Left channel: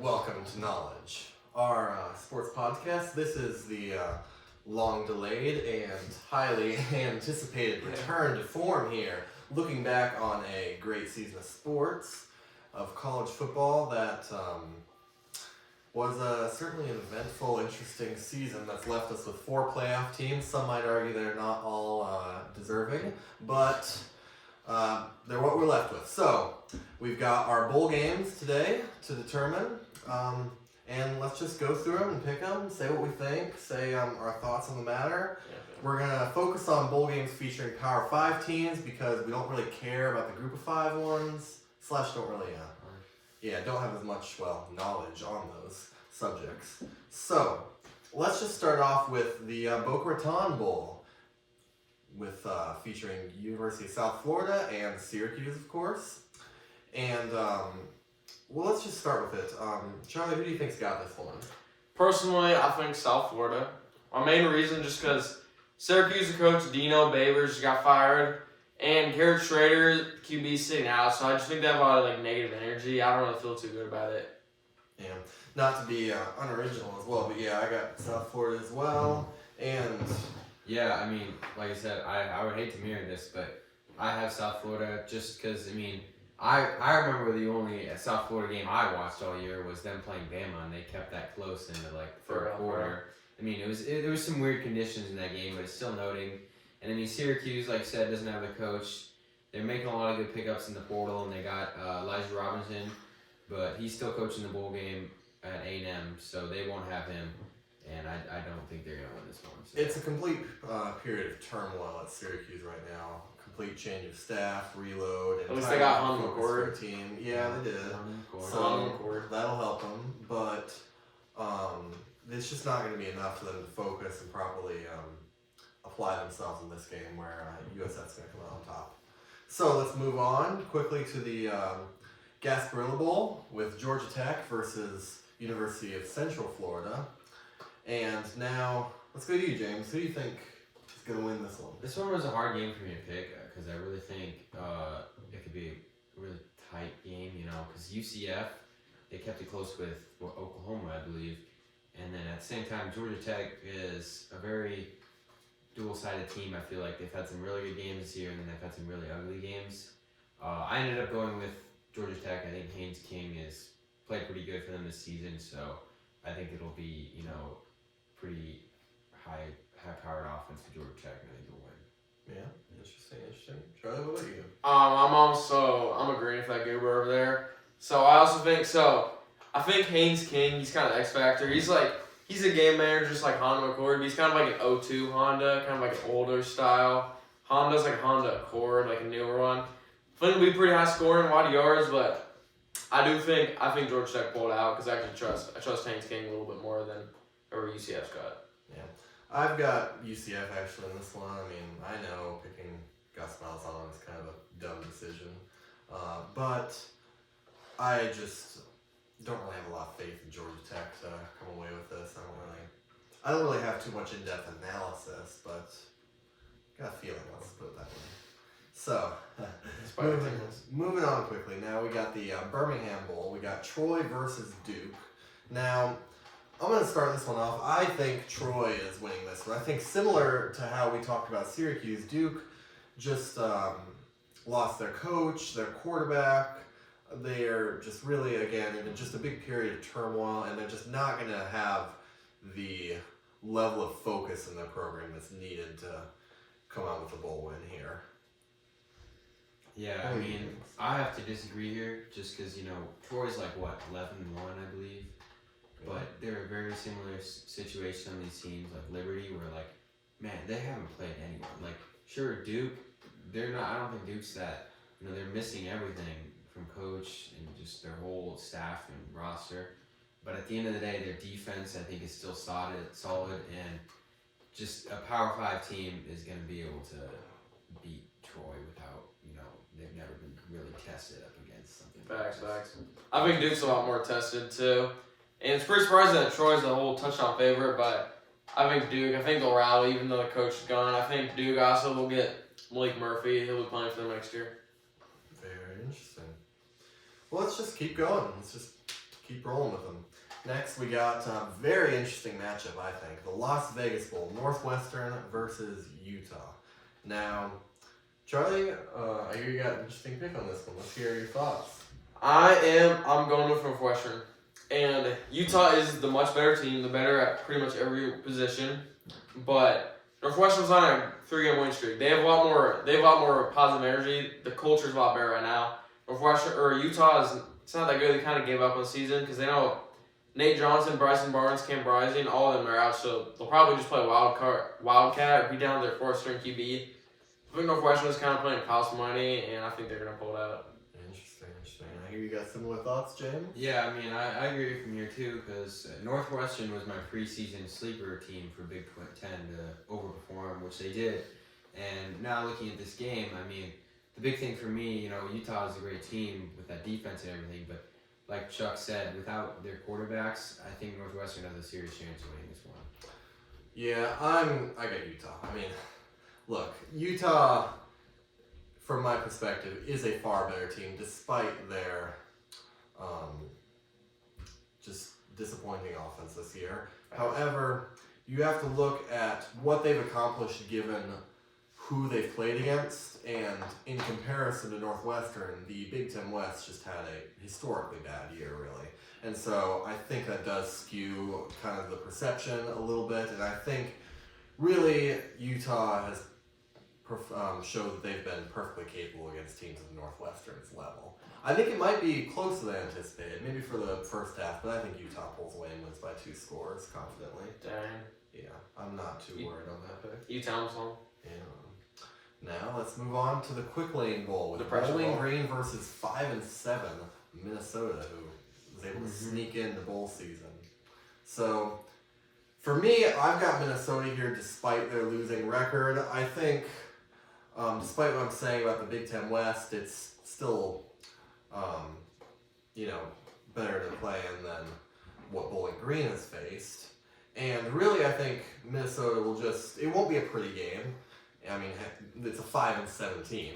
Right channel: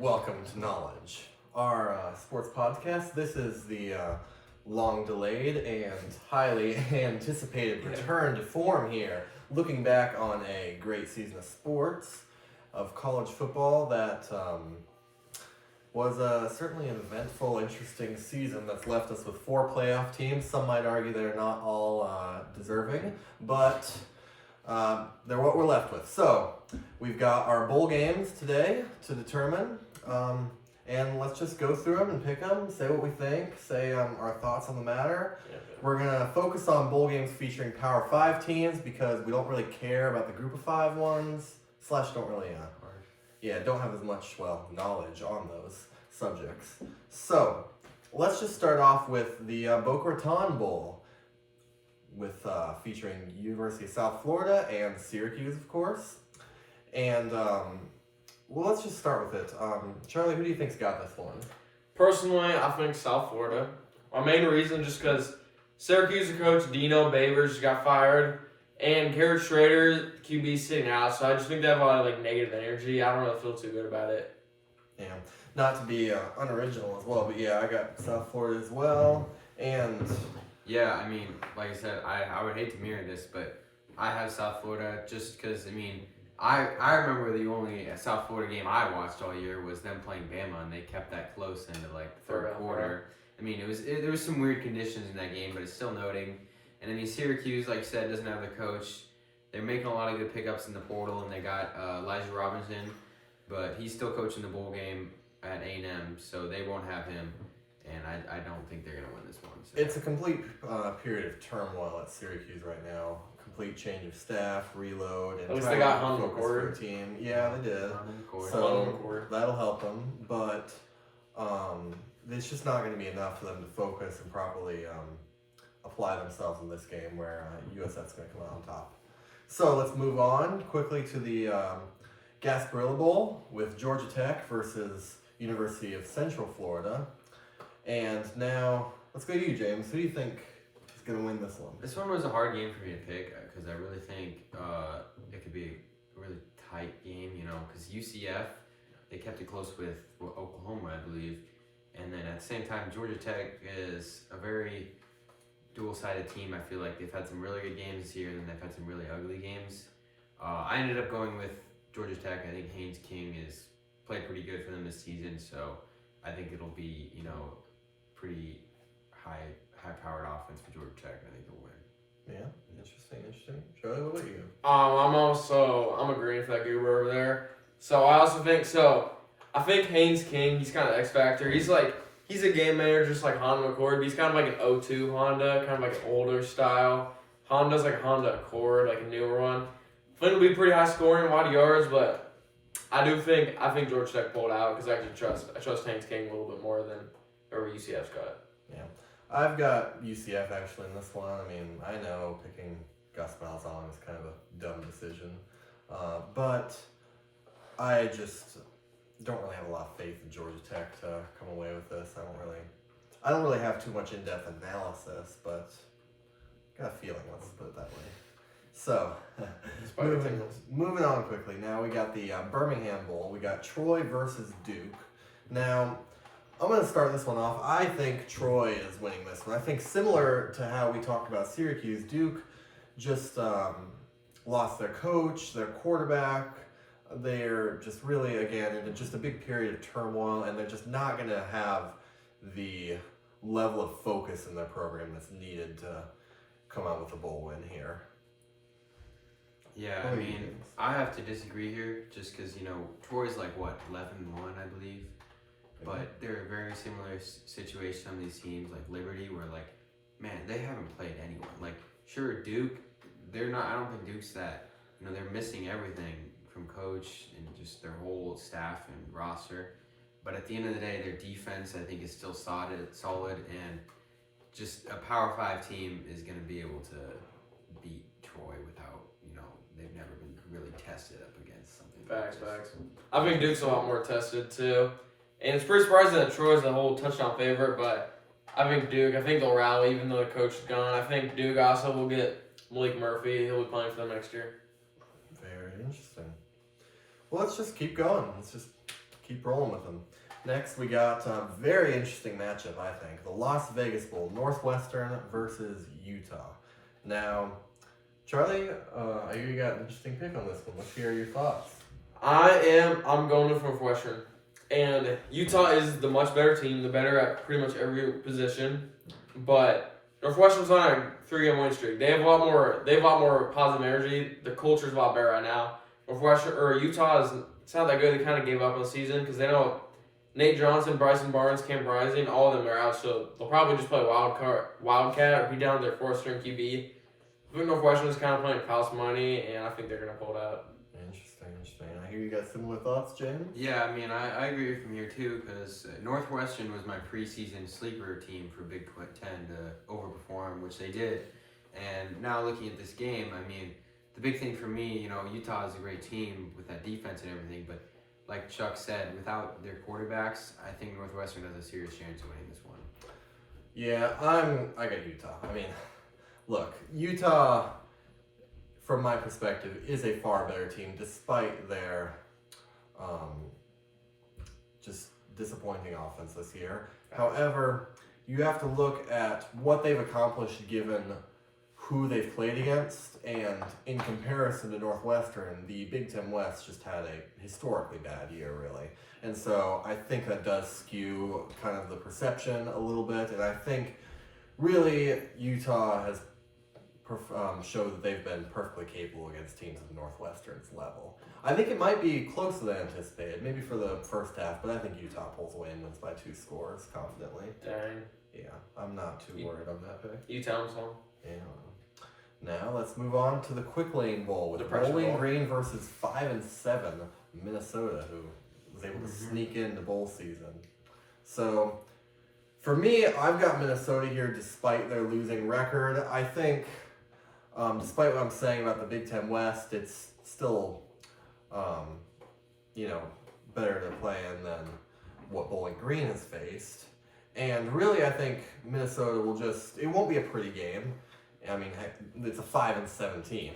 Welcome to Knowledge, our sports podcast. This is the long-delayed and highly anticipated return to form here, looking back on a great season of sports, of college football that was certainly an eventful, interesting season that's left us with 4 playoff teams. Some might argue they're not all deserving, but they're what we're left with. So, we've got our bowl games today to determine. And let's just go through them and pick them, say what we think, say our thoughts on the matter. We're going to focus on bowl games featuring Power 5 teams because we don't really care about the Group of 5 ones, / don't really, don't have as much, knowledge on those subjects. So, let's just start off with the Boca Raton Bowl, with featuring University of South Florida and Syracuse, of course. And let's just start with it. Charlie, who do you think's got this one? Personally, I think South Florida. My main reason just because Syracuse coach Dino Babers got fired, and Garrett Schrader, QB, sitting out. So I just think they have a lot of negative energy. I don't really feel too good about it. Yeah, not to be unoriginal as well, but I got South Florida as well. And yeah, I mean, like I said, I would hate to mirror this, but I have South Florida just because, I remember the only South Florida game I watched all year was them playing Bama, and they kept that close into the third quarter. There was some weird conditions in that game, but it's still noting. And Syracuse, like I said, doesn't have the coach. They're making a lot of good pickups in the portal, and they got Elijah Robinson, but he's still coaching the bowl game at A&M, so they won't have him. And I don't think they're gonna win this one. So. It's a complete period of turmoil at Syracuse right now. Complete change of staff, reload, and at least they got home focus for a team. Yeah, they did. So that'll help them, but it's just not going to be enough for them to focus and properly apply themselves in this game where USF's going to come out on top. So let's move on quickly to the Gasparilla Bowl with Georgia Tech versus University of Central Florida. And now let's go to you, James. Who do you think is going to win this one? This one was a hard game for me to pick because I really think it could be a really tight game, because UCF, they kept it close with Oklahoma, I believe. And then at the same time, Georgia Tech is a very dual-sided team. I feel like they've had some really good games this year, and they've had some really ugly games. I ended up going with Georgia Tech. I think Haynes King has played pretty good for them this season, so I think it'll be, pretty high-powered offense for Georgia Tech, and I think they'll win. Yeah, interesting. Charlie, what about you? I'm agreeing with that goober over there. So I think Haynes King, he's kind of the X factor. He's a game manager just like Honda Accord, but he's kind of like an 02 Honda, kind of like an older style. Honda's like Honda Accord, like a newer one. I think it'll be pretty high scoring, a lot of yards, but I think Georgia Tech pulled out because I trust Haynes King a little bit more than whoever UCF's got. Yeah. I've got UCF actually in this one. I know picking Gus Malzahn is kind of a dumb decision, but I just don't really have a lot of faith in Georgia Tech to come away with this. I don't really have too much in-depth analysis, but got a feeling. Let's put it that way. So, moving on quickly. Now we got the Birmingham Bowl. We got Troy versus Duke. Now, I'm going to start this one off. I think Troy is winning this one. I think similar to how we talked about Syracuse, Duke just lost their coach, their quarterback. They're just really, again, in just a big period of turmoil, and they're just not going to have the level of focus in their program that's needed to come out with a bowl win here. Yeah, I have to disagree here just because, Troy's 11-1, I believe. But they're a very similar situation on these teams, like Liberty, where, they haven't played anyone. Sure, Duke, I don't think Duke's that, they're missing everything from coach and just their whole staff and roster. But at the end of the day, their defense, I think, is still solid, and just a Power 5 team is going to be able to beat Troy without, they've never been really tested up against something. Facts. I think Duke's a lot more tested, too. And it's pretty surprising that Troy's a whole touchdown favorite, but I think they'll rally even though the coach is gone. I think Duke also will get Malik Murphy. He'll be playing for them next year. Very interesting. Well, let's just keep going. Let's just keep rolling with them. Next, we got a very interesting matchup, I think. The Las Vegas Bowl, Northwestern versus Utah. Now, Charlie, I hear you got an interesting pick on this one. Let's hear your thoughts. I'm going with Northwestern. And Utah is the much better team, the better at pretty much every position. But Northwestern's on a 3-game winning streak. They have a lot more positive energy. The culture's a lot better right now. Utah it's not that good. They kind of gave up on the season because they know Nate Johnson, Bryson Barnes, Cam Rising, all of them are out, so they'll probably just play Wildcat, be down their 4th-string QB. I think Northwestern's kind of playing house money, and I think they're going to pull it out. Interesting. I hear you got similar thoughts, James? Yeah, I mean, I agree from here too, because Northwestern was my preseason sleeper team for Big 10 to overperform, which they did. And now looking at this game, I mean, the big thing for me, Utah is a great team with that defense and everything, but like Chuck said, without their quarterbacks, I think Northwestern has a serious chance of winning this one. Yeah, I got Utah. I mean, look, Utah, from my perspective, is a far better team despite their just disappointing offense this year. However, you have to look at what they've accomplished given who they've played against, and in comparison to Northwestern, the Big Ten West just had a historically bad year, really. And so I think that does skew kind of the perception a little bit, and I think really Utah has showed that they've been perfectly capable against teams of Northwestern's level. I think it might be closer than anticipated, maybe for the first half, but I think Utah pulls away and wins by 2 scores confidently. Dang. Yeah, I'm not too worried on that pick. Utah's on. Yeah. Now let's move on to the Quick Lane Bowl with The pressure Bowling bowl. Green versus 5-7 Minnesota, who was able to sneak into bowl season. So, for me, I've got Minnesota here despite their losing record. I think, despite what I'm saying about the Big Ten West, it's still, better to play in than what Bowling Green has faced. And really, I think Minnesota it won't be a pretty game. I mean, it's a 5-7 team.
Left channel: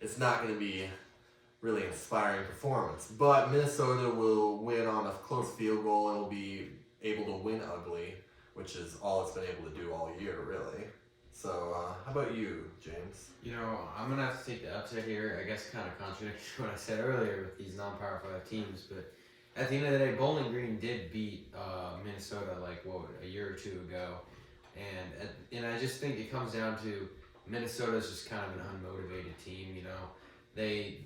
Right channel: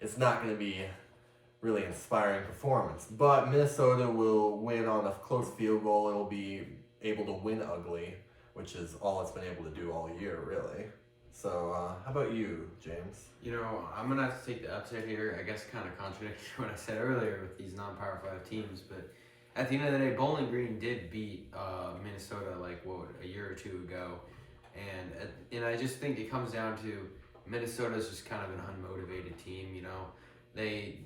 It's not going to be really inspiring performance. But Minnesota will win on a close field goal. It'll be able to win ugly, which is all it's been able to do all year, really. So, how about you, James? I'm going to have to take the upset here. I guess kind of contradicting what I said earlier with these non-Power 5 teams. But at the end of the day, Bowling Green did beat Minnesota a year or two ago. And I just think it comes down to Minnesota's just kind of an unmotivated team. They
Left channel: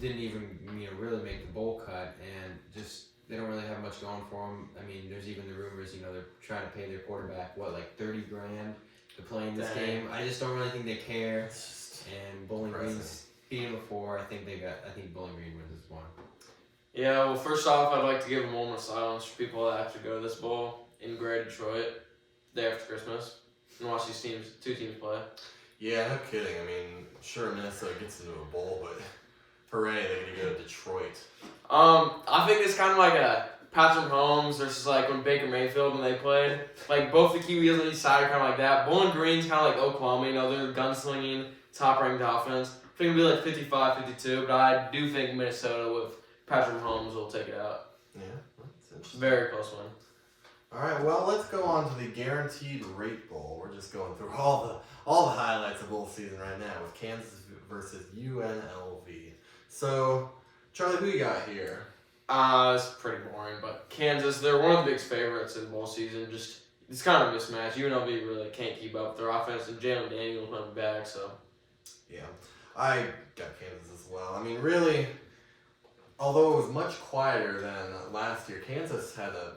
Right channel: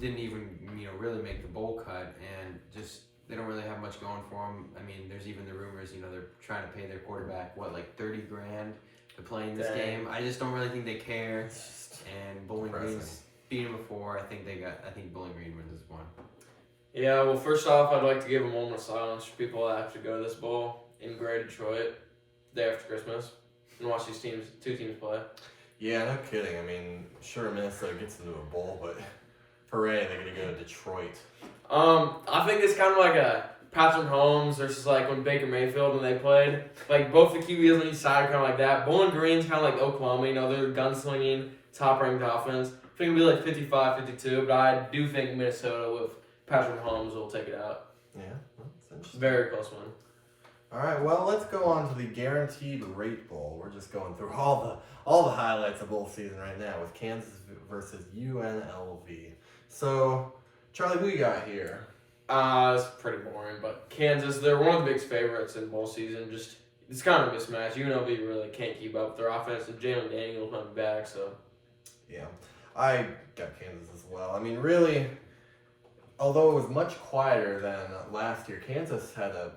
didn't even really make the bowl cut, and just they don't really have much going for them. I mean, there's even the rumors they're trying to pay their quarterback $30,000 to play in this game. I just don't really think they care. And Bowling Green's beaten before. I think Bowling Green wins this one. Yeah, well, first off, I'd like to give a moment of silence for people that have to go to this bowl in Gray, Detroit, day after Christmas, and watch these two teams play. Yeah, no kidding. I mean, sure, Minnesota gets into a bowl, but hooray, they're going to go to Detroit. I think it's kind of like a Patrick Mahomes versus when Baker Mayfield when they played. Both the QBs on each side kind of like that. Bowling Green's kind of like Oklahoma, they're gunslinging, top-ranked offense. I think it'll be 55-52, but I do think Minnesota with Patrick Mahomes will take it out. Yeah, that's interesting. Very close one. All right, well, let's go on to the Guaranteed Rate Bowl. We're just going through all the highlights of bowl season right now with Kansas versus UNLV. So, Charlie, who you got here? It's pretty boring, but Kansas, they're one of the big favorites in bowl season. It's kind of a mismatch. UNLV really can't keep up with their offense, and Jalen Daniels might be back, so. Yeah, I got Kansas as well. I mean, really, although it was much quieter than last year, Kansas had a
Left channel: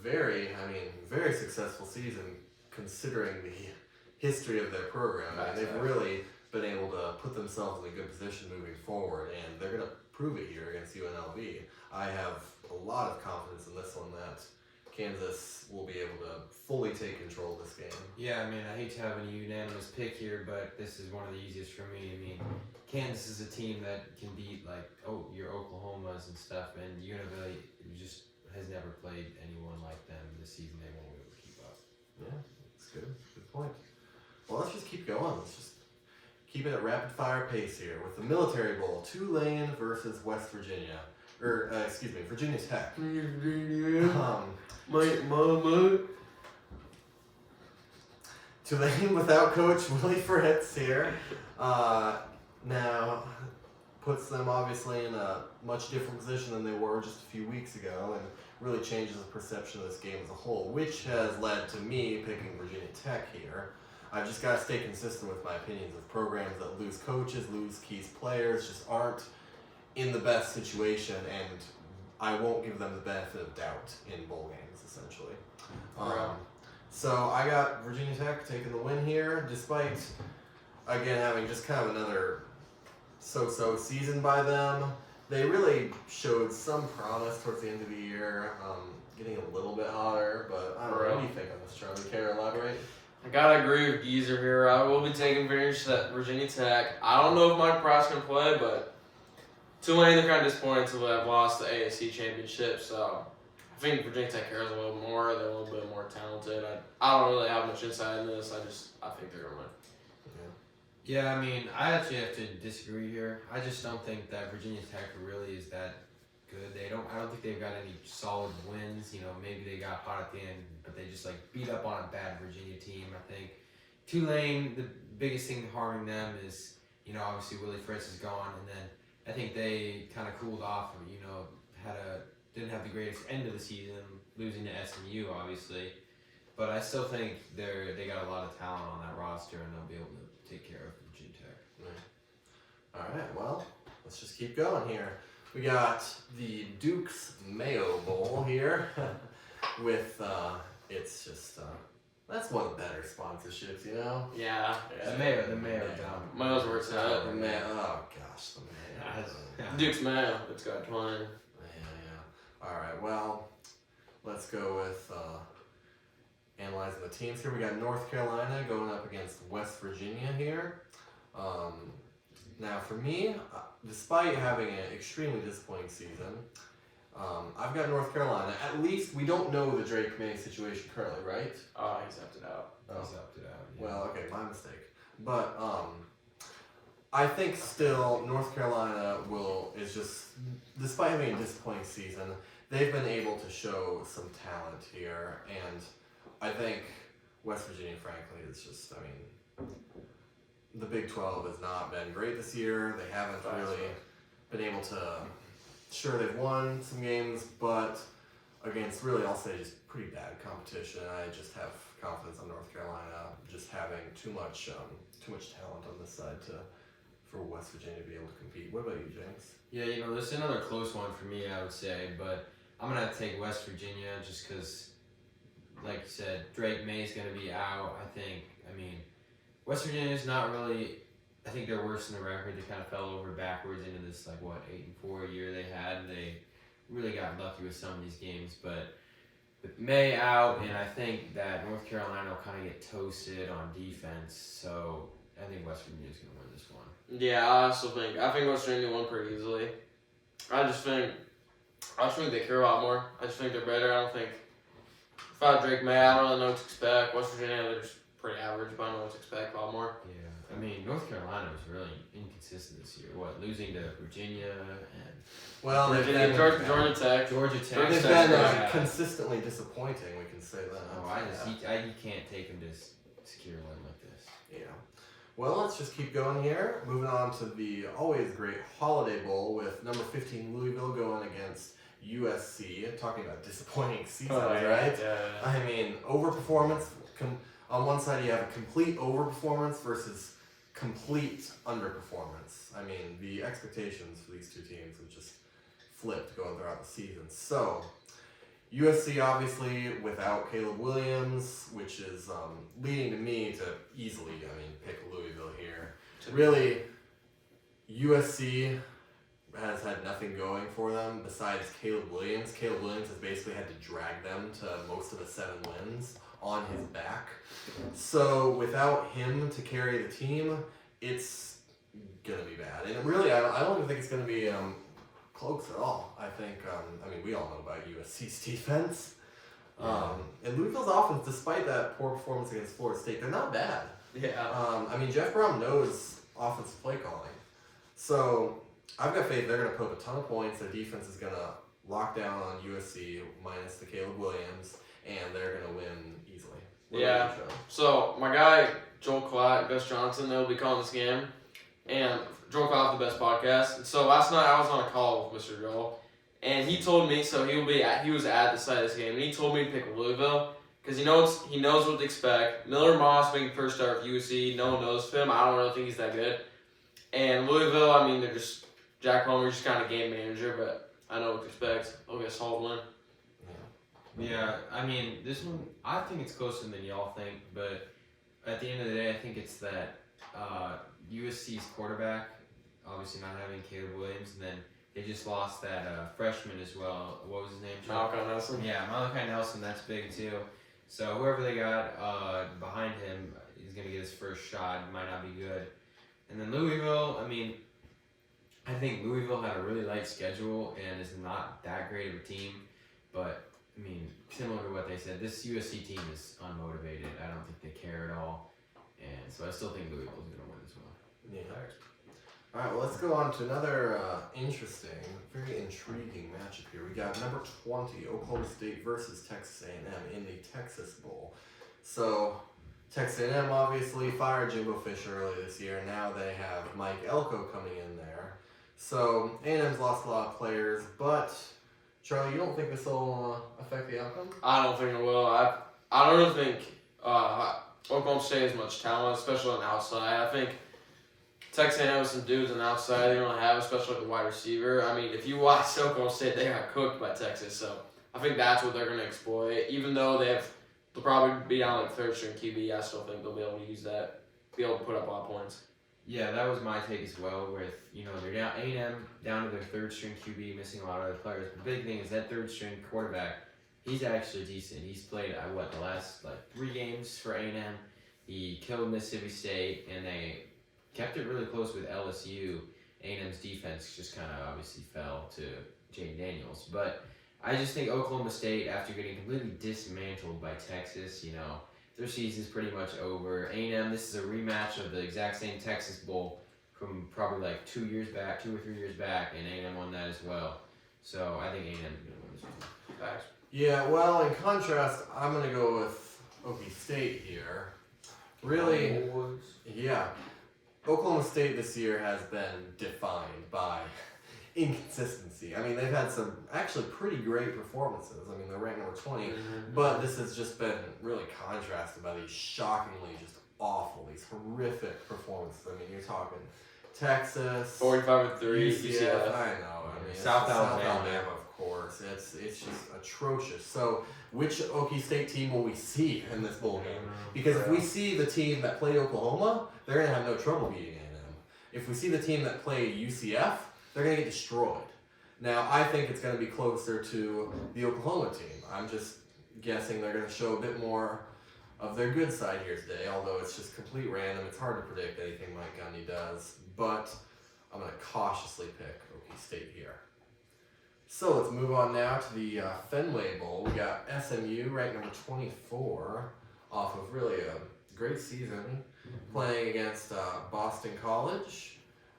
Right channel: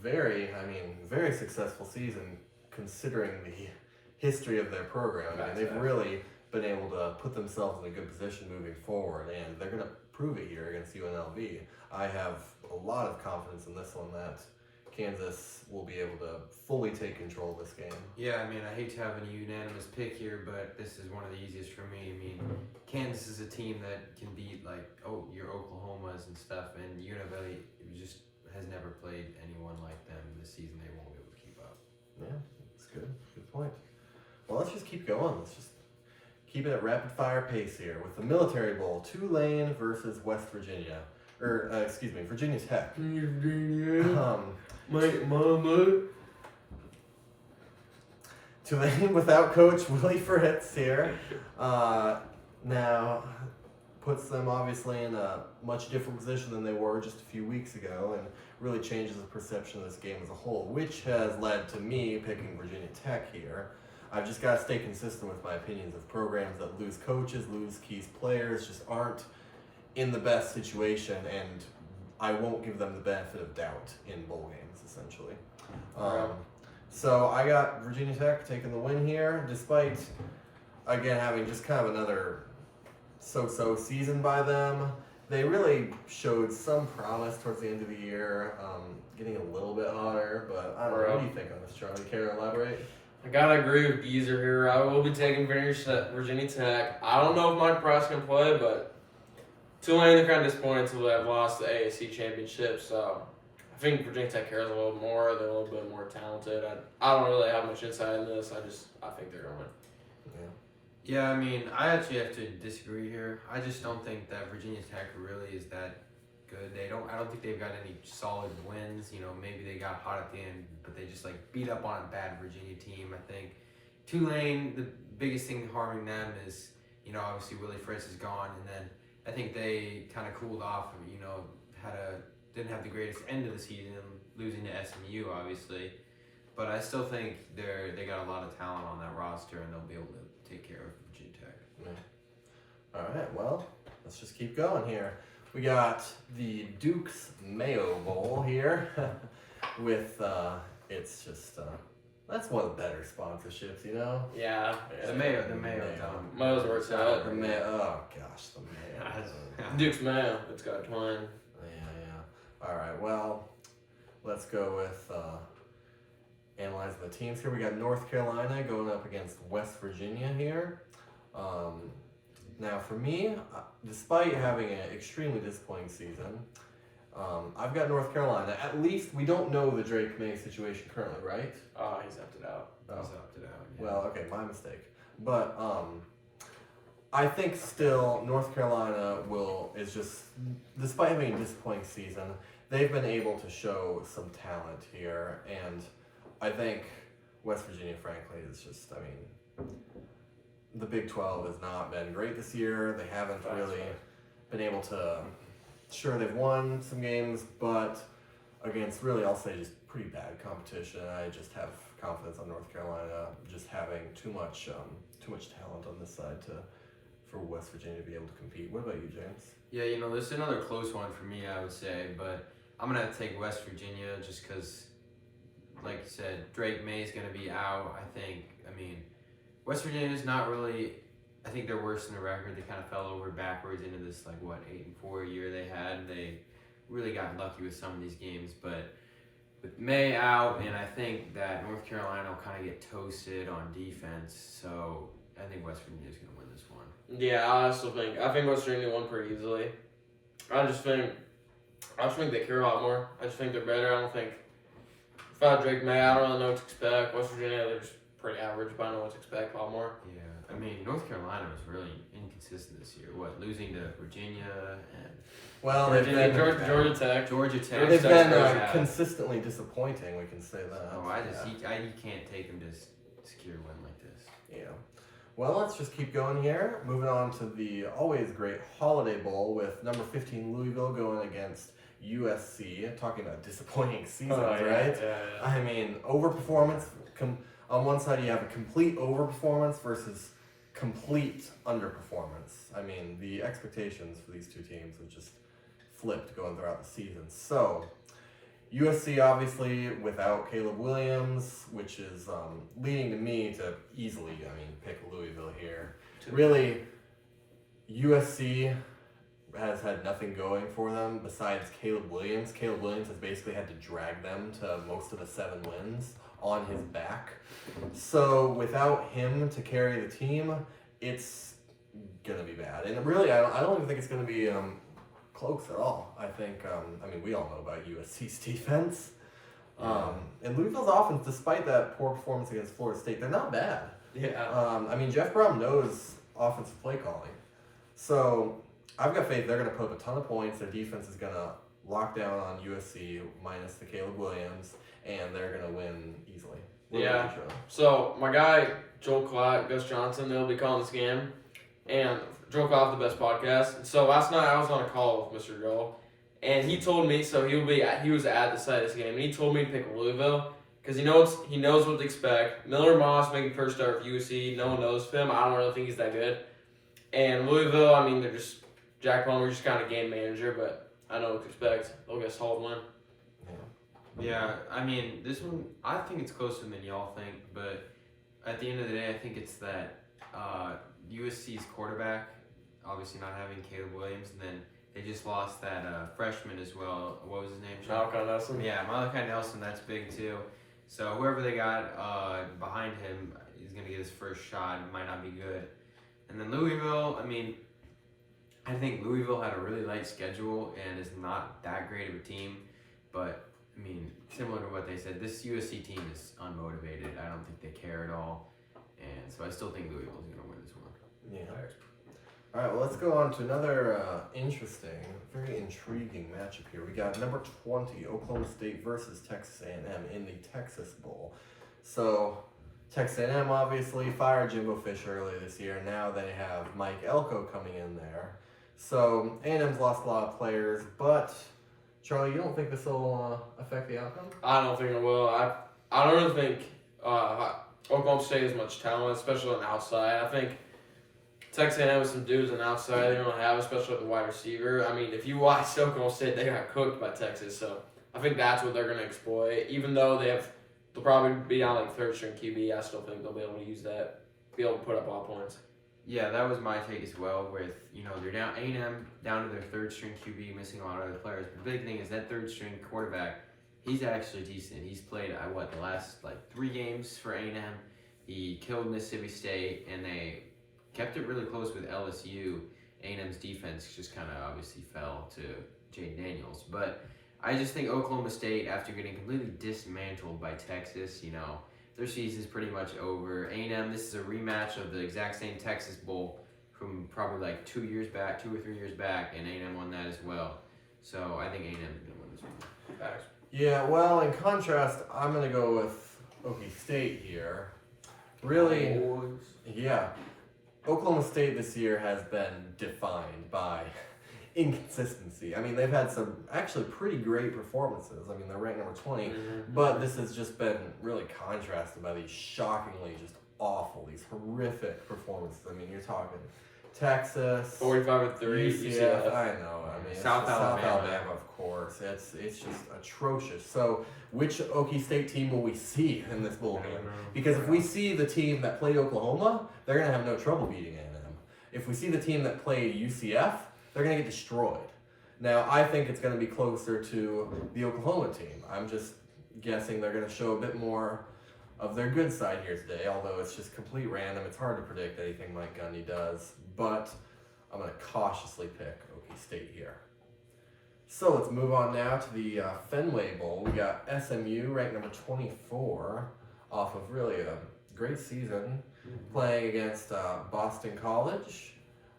very successful season considering the history of their program. I mean, they've really been able to put themselves in a good position moving forward, and they're going to prove it here against UNLV. I have a lot of confidence in this one that Kansas will be able to fully take control of this game. Yeah, I mean, I hate to have a unanimous pick here, but this is one of the easiest for me. I mean, Kansas is a team that can beat your Oklahomas and stuff, and UNLV just has never played anyone like them this season. They won't be able to keep up. Yeah, that's good. Good point. Well, let's just keep going. Let's just keep it at rapid fire pace here with the Military Bowl, Tulane versus West Virginia. Virginia Tech. Mama. Tulane without Coach Willie Fritz here. Now puts them obviously in a much different position than they were just a few weeks ago, and really changes the perception of this game as a whole, which has led to me picking Virginia Tech here. I've just got to stay consistent with my opinions of programs that lose coaches, lose key players, just aren't in the best situation, and I won't give them the benefit of doubt in bowl games, essentially. So I got Virginia Tech taking the win here, despite, again, having just kind of another so-so season by them. They really showed some promise towards the end of the year, getting a little bit hotter, but I don't know. What do you think on this, Charlie? Care to elaborate? I gotta agree with Geezer here. I will be taking Virginia Tech. I don't know if Mike Price can play, but Tulane, they're kind of disappointed to have lost the ASC championship, so I think Virginia Tech cares a little more. They're a little bit more talented. I don't really have much insight in this. I think they're going to win. Yeah, I mean, I actually have to disagree here. I just don't think that Virginia Tech really is that good. I don't think they've got any solid wins. You know, maybe they got hot at the end, but they just like beat up on a bad Virginia team. I think Tulane, the biggest thing harming them is, you know, obviously Willie Fritz is gone, and then I think they kind of cooled off. You know, didn't have the greatest end of the season, losing to SMU, obviously. But I still think they got a lot of talent on that roster, and they'll be able to take care of Virginia Tech. All right, well, let's just keep going here. We got the Duke's Mayo Bowl here with, it's just, that's one of the better sponsorships, you know? Yeah. The Mayo. Mayo's where it's at. The Mayo, oh gosh, the Mayo. Duke's Mayo, it's got twine. Yeah. All right, well, let's go with, analyzing the teams here. We got North Carolina going up against West Virginia here. Now for me, despite having an extremely disappointing season, I've got North Carolina. At least we don't know the Drake May situation currently, right? Oh, he's opted out. He's opted out. Yeah. Well, okay, my mistake. But I think still North Carolina is just, despite having a disappointing season, they've been able to show some talent here, and I think West Virginia, frankly, is just, I mean, the Big 12 has not been great this year. They haven't really been able to, sure, they've won some games, but against really, I'll say, just pretty bad competition. I just have confidence on North Carolina just having too much talent on this side for West Virginia to be able to compete. What about you, James? Yeah, you know, this is another close one for me, I would say, but I'm going to take West Virginia just because, like you said, Drake May's going to be out. I mean, West Virginia's not really, I think they're worse than the record. They kind of fell over backwards into this, 8-4 year they had, and they really got lucky with some of these games. But with May out, and I think that North Carolina will kind of get toasted on defense, so I think West Virginia's going to win this one. Yeah, I think West Virginia won pretty easily. I just think they care a lot more. I just think they're better. I don't think, if I had Drake May, I don't really know what to expect. West Virginia, they're just pretty average, but I know what to expect a lot more. Yeah, I mean, North Carolina was really inconsistent this year. Losing to Virginia and They've been Georgia Tech. They've been consistently disappointing. We can say that. Oh, you can't take them to secure a win like this. Yeah. Well, let's just keep going here. Moving on to the always great Holiday Bowl with number 15 Louisville going against USC. Talking about disappointing seasons, right? Yeah. I mean, overperformance. On one side, you have a complete overperformance versus complete underperformance. I mean, the expectations for these two teams have just flipped going throughout the season. So, USC obviously without Caleb Williams, which is leading to me to easily, pick Louisville here. Really, USC has had nothing going for them besides Caleb Williams. Caleb Williams has basically had to drag them to most of the 7 wins on his back. So without him to carry the team, it's gonna be bad. And really, I don't even think it's gonna be close at all. I think, we all know about USC's defense. And Louisville's offense, despite that poor performance against Florida State, they're not bad. Yeah. Jeff Brom knows offensive play calling. So I've got faith they're going to put up a ton of points. Their defense is going to lock down on USC minus the Caleb Williams, and they're going to win easily. What about you, Sean? So my guy Joel Klatt, Gus Johnson, they'll be calling this game, and Joel Klatt, the best podcast. And so last night I was on a call with Mr. Joel, and he told me he was at the site of this game, and he told me to pick Louisville because he knows what to expect. Miller Moss making first start with USC. No one knows him. I don't really think he's that good. And Louisville, I mean, they're just Jack Plummer, just kind of game manager, but I know what to expect. They'll get a solid win. Yeah, I mean, this one, I think it's closer than y'all think, but at the end of the day, I think it's that USC's quarterback, obviously not having Caleb Williams, and then they just lost that freshman as well. What was his name? Malachi Nelson. Yeah, Malachi Nelson, that's big too. So whoever they got behind him is going to get his first shot. It might not be good. And then Louisville, I mean, I think Louisville had a really light schedule and is not that great of a team, but I mean, similar to what they said, this USC team is unmotivated. I don't think they care at all. And so I still think Louisville's going to win this one. Yeah. All right, well, let's go on to another interesting, very intriguing matchup here. We got number 20, Oklahoma State versus Texas A&M in the Texas Bowl. So Texas A&M obviously fired Jimbo Fisher early this year. Now they have Mike Elko coming in there. So A&M's lost a lot of players, but Charlie, you don't think this will affect the outcome? I don't think it will. I don't really think Oklahoma State has much talent, especially on the outside. I think Texas A&M has some dudes on the outside they don't have, especially the wide receiver. I mean, if you watch Oklahoma State, they got cooked by Texas, so I think that's what they're going to exploit. Even though they'll probably be down like third string QB, I still think they'll be able to use that, be able to put up a lot of points. Yeah, that was my take as well. With they're down A&M down to their third string QB, missing a lot of other players. But the big thing is that third string quarterback. He's actually decent. He's played the last 3 games for A&M. He killed Mississippi State, and they kept it really close with LSU. A&M's defense just kind of obviously fell to Jane Daniels. But I just think Oklahoma State, after getting completely dismantled by Texas, their season's pretty much over. A&M, this is a rematch of the exact same Texas Bowl from probably 2 or 3 years back, and A&M won that as well. So I think A&M's going to win this one. Thanks. Yeah, well, in contrast, I'm going to go with Okie State here. Really, yeah. Oklahoma State this year has been defined by inconsistency. I mean, they've had some actually pretty great performances. I mean, they're ranked number 20, but this has just been really contrasted by these shockingly just awful, these horrific performances. I mean, you're talking Texas, 45-3, UCF. I know. I mean, South Alabama, of course. It's just atrocious. So, which Okie State team will we see in this bowl game? Because if we see the team that played Oklahoma, they're gonna have no trouble beating A&M. If we see the team that played UCF, they're gonna get destroyed. Now, I think it's gonna be closer to the Oklahoma team. I'm just guessing they're gonna show a bit more of their good side here today, although it's just complete random. It's hard to predict anything Mike Gundy does, but I'm going to cautiously pick Okie State here. So let's move on now to the Fenway Bowl. We got SMU ranked number 24 off of really a great season playing against Boston College.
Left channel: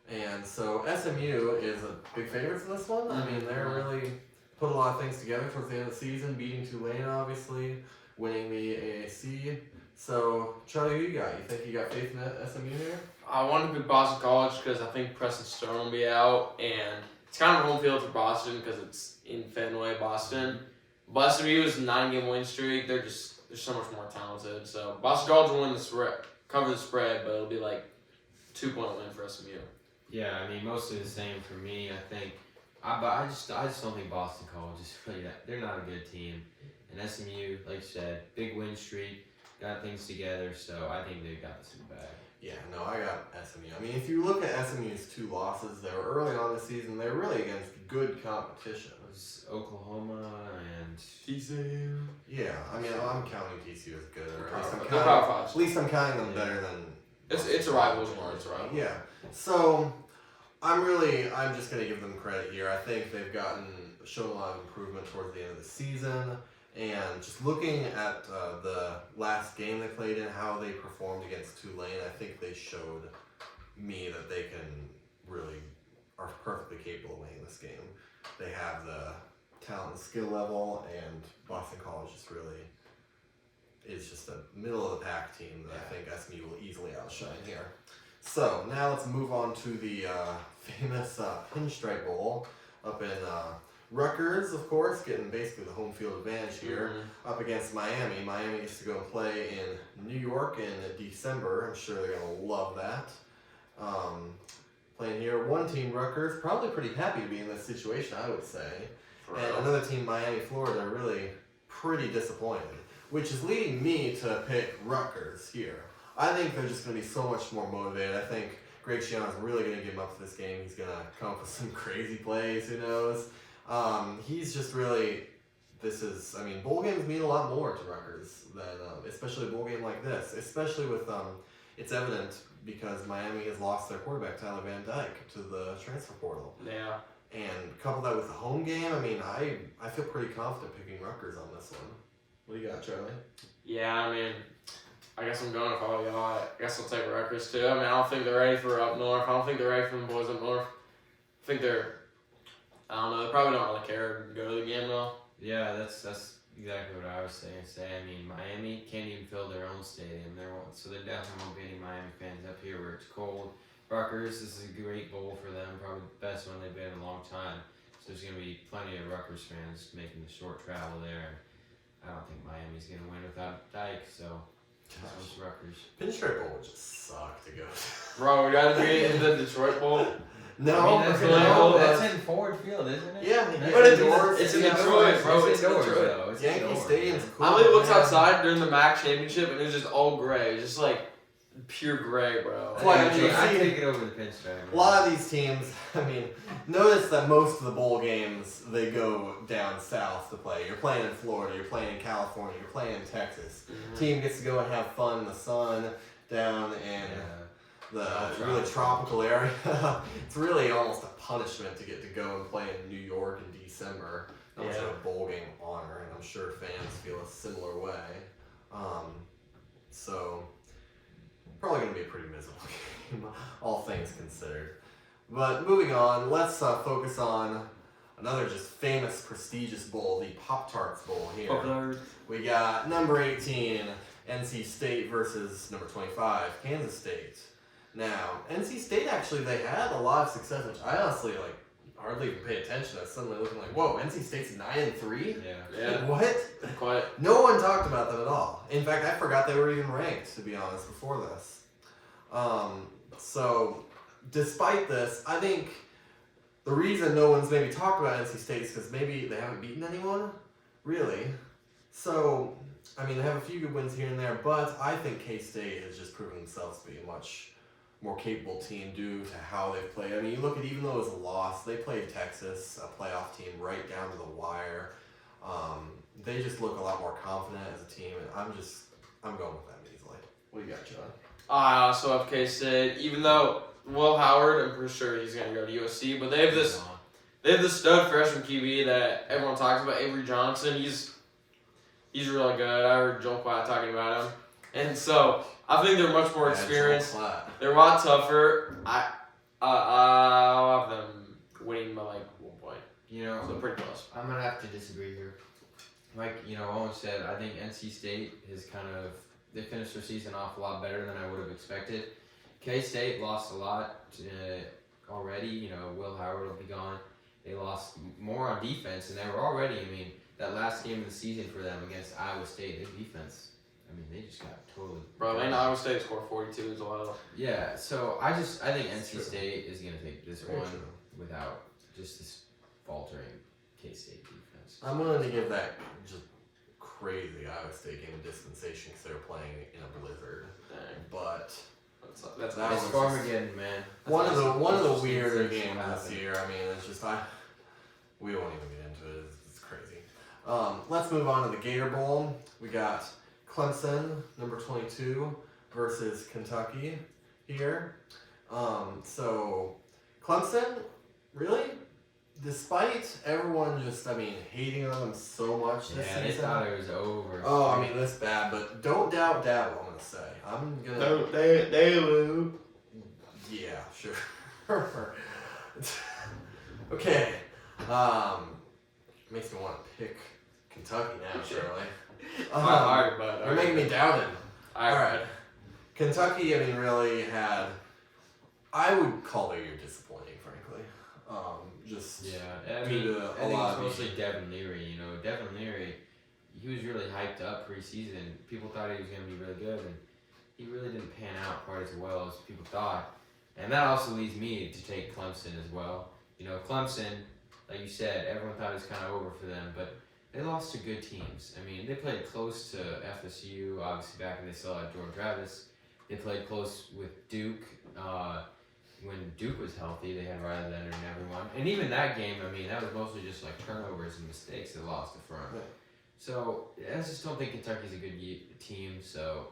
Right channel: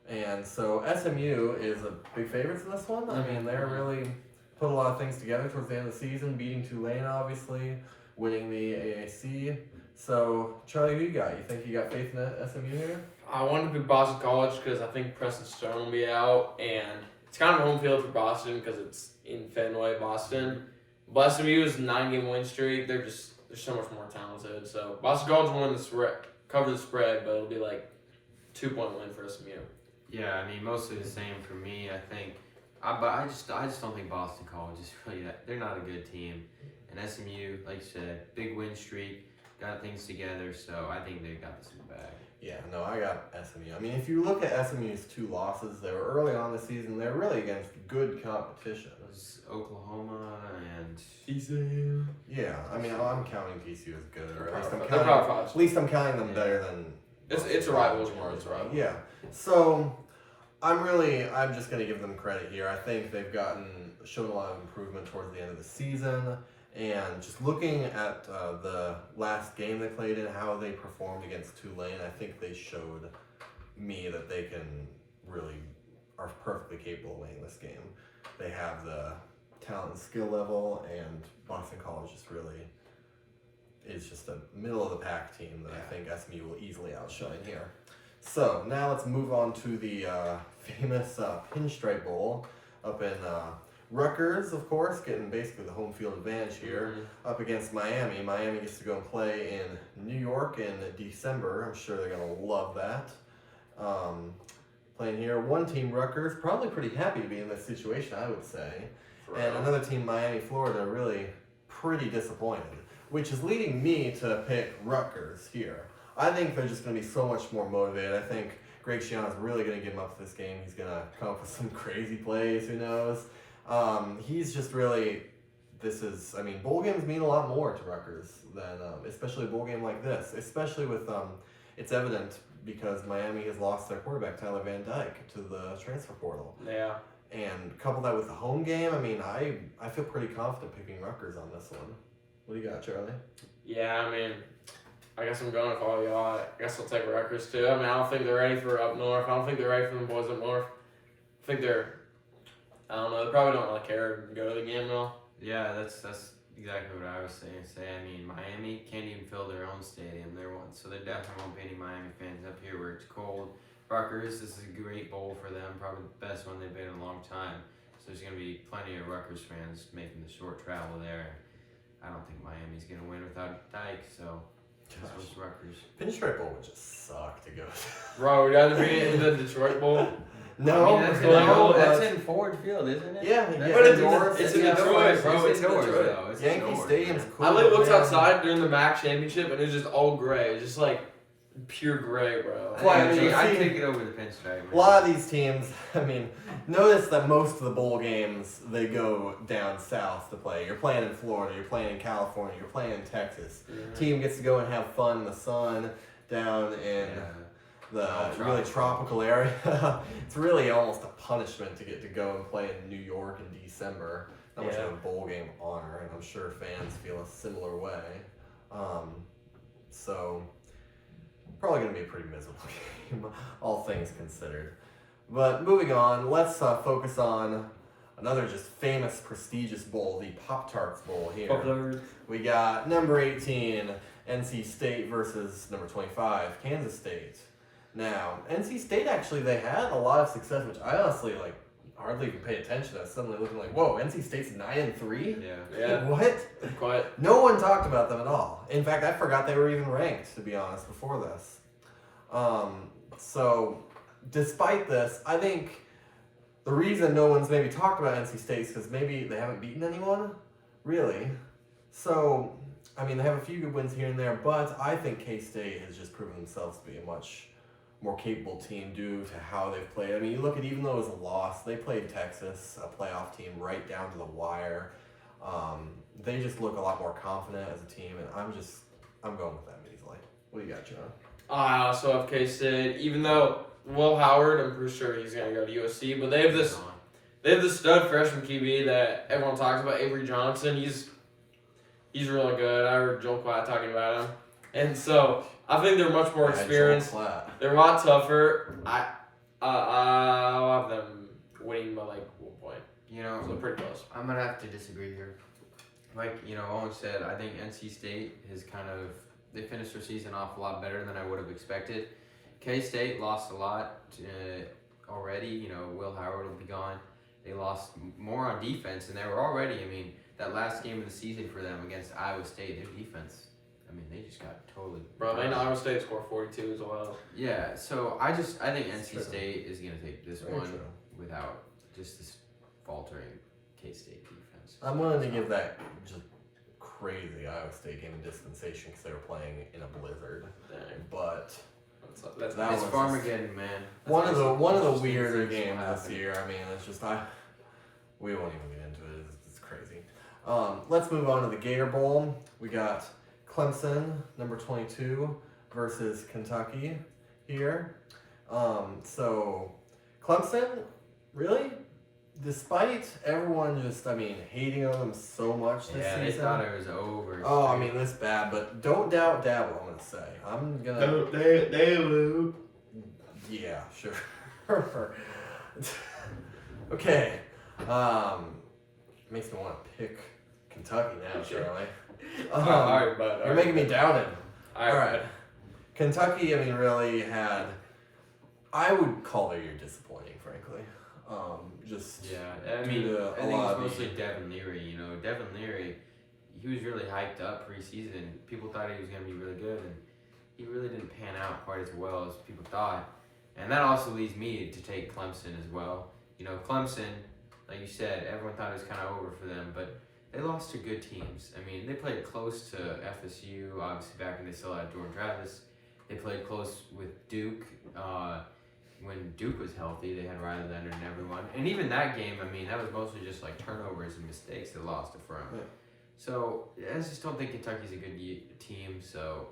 And so SMU is a big favorite in this one. I mean, they're really put a lot of things together towards the end of the season, beating Tulane, obviously, winning the AAC. So, Charlie, who you got? You think you got faith in SMU here? I want to pick Boston College because I think Preston Stone will be out, and it's kind of home field for Boston because it's in Fenway, Boston. But SMU is a 9-game win streak. They're so much more talented. So Boston College will win the spread, cover the spread, but it'll be 2-point win for SMU. Yeah, I mean, mostly the same for me. I think, but I just don't think Boston College is really that. They're not a good team, and SMU, like you said, big win streak, got things together. So I think they've got this in the bag. Yeah, no, I got SMU. I mean, if you look at SMU's 2 losses, they were early on the season. They were really against good competition. It was Oklahoma and TCU. Yeah, I mean, I'm counting TCU as good, or At least I'm counting them better than. It's a rivalry. It's a rivalry. Yeah, so I'm just gonna give them credit here. I think they've shown a lot of improvement towards the end of the season. And just looking at the last game they played in, how they performed against Tulane, I think they showed me that they can really are perfectly capable of winning this game. They have the talent and skill level, and Boston College is just a middle of the pack team that I think SMU will easily outshine here. So now let's move on to the famous Pinstripe Bowl up in Rutgers, of course, getting basically the home field advantage here, up against Miami. Miami gets to go and play in New York in December. I'm sure they're going to love that. Playing here, one team, Rutgers, probably pretty happy to be in this situation, I would say. And another team, Miami, Florida, really pretty disappointed, which is leading me to pick Rutgers here. I think they're just going to be so much more motivated. I think Greg Schiano's really going to get him up for this game. He's going to come up with some crazy plays, who knows. He's just really, bowl games mean a lot more to Rutgers than, especially a bowl game like this, especially with, it's evident because Miami has lost their quarterback, Tyler Van Dyke, to the transfer portal. Yeah. And couple that with the home game, I feel pretty confident picking Rutgers on this one. What do you got, Charlie? Yeah, I guess I'm going with all y'all. I guess I'll take Rutgers too. I don't think they're ready for up north. I don't think they're ready for the boys up north. I think they probably don't really care to go to the game at all. Yeah, that's exactly what I was saying. Miami can't even fill their own stadium. So there definitely won't be any Miami fans up here where it's cold. Rutgers, this is a great bowl for them, probably the best one they've been in a long time. So there's going to be plenty of Rutgers fans making the short travel there. I don't think Miami's going to win without Dyke, so this one's Rutgers. Pinstripe Bowl would just suck to go to. Bro, we got to be in the Detroit Bowl. No, that's in Ford Field, isn't it? Yeah, but it's in Detroit, bro. It's indoors. Yankee Stadium's cool. I looked outside during the MAC championship, and it was just all gray. It was just like pure gray, bro. Well, I'd take it over the pinstripe. A lot of these teams, notice that most of the bowl games, they go down south to play. You're playing in Florida, you're playing in California, you're playing in Texas. Team gets to go and have fun in the sun down in the really tropical area. It's really almost a punishment to get to go and play in New York in December. Not much of a bowl game honor, and I'm sure fans feel a similar way. So probably going to be a pretty miserable game, all things considered. But moving on, let's focus on another just famous, prestigious bowl, the Pop-Tarts Bowl here. Pop-Tarts. We got number 18, NC State versus number 25, Kansas State. Now, NC State actually, they had a lot of success, which I honestly hardly even pay attention to. Suddenly looking like, whoa, NC State's 9-3? Yeah. What? Quite. No one talked about them at all. In fact, I forgot they were even ranked, to be honest, before this. So, despite this, I think the reason no one's maybe talked about NC State is because maybe they haven't beaten anyone, really. So, they have a few good wins here and there, but I think K-State has just proven themselves to be a much more capable team due to how they've played. You look at, even though it was a loss, they played Texas, a playoff team, right down to the wire. They just look a lot more confident as a team, and I'm going with them easily. What do you got, John? I also have K-State, even though Will Howard, I'm pretty sure he's going to go to USC, but they have this stud freshman QB that everyone talks about, Avery Johnson. He's really good. I heard Joel Klatt talking about him. And so I think they're much more experienced. They're a lot tougher. I'll have them winning by 1 point. So pretty close. I'm gonna have to disagree here. Owen said, I think NC State has they finished their season off a lot better than I would have expected. K-State lost a lot already. Will Howard will be gone. They lost more on defense, and they were already. That last game of the season for them against Iowa State, their defense. They just got totally. Bro, Iowa State scored 42 as well. Yeah, so I think NC State is gonna take this one without just this faltering K-State defense. I'm willing to give that just crazy Iowa State game a dispensation because they were playing in a blizzard. Dang. But that's It's Farmageddon, man. One of the weirder games this year. It's just we won't even get into it. It's crazy. Let's move on to the Gator Bowl. We got Clemson, number 22, versus Kentucky here. So Clemson, really, despite everyone just, hating on them so much this season. They thought it was over. Oh, this bad, but don't doubt Dabo, I'm going to say. I'm going to... They will. Yeah, sure. Okay. Makes me want to pick Kentucky now, Charlie. Alright, bud. You're making me doubt him. All Alright. Kentucky, I mean, really had. I would call their year disappointing, frankly. Just Yeah, I due mean, to I a think lot it's of mostly Devin Leary. You know, Devin Leary, he was really hyped up preseason. People thought he was going to be really good, and he really didn't pan out quite as well as people thought. And that also leads me to take Clemson as well. You know, Clemson, like you said, everyone thought it was kind of over for them, but they lost to good teams. I mean, they played close to FSU, obviously back when they still had Jordan Travis. They played close with Duke. When Duke was healthy, they had Riley Leonard and everyone. And even that game, I mean, that was mostly just like turnovers and mistakes that lost the front. Yeah. So I just don't think Kentucky's a good team, so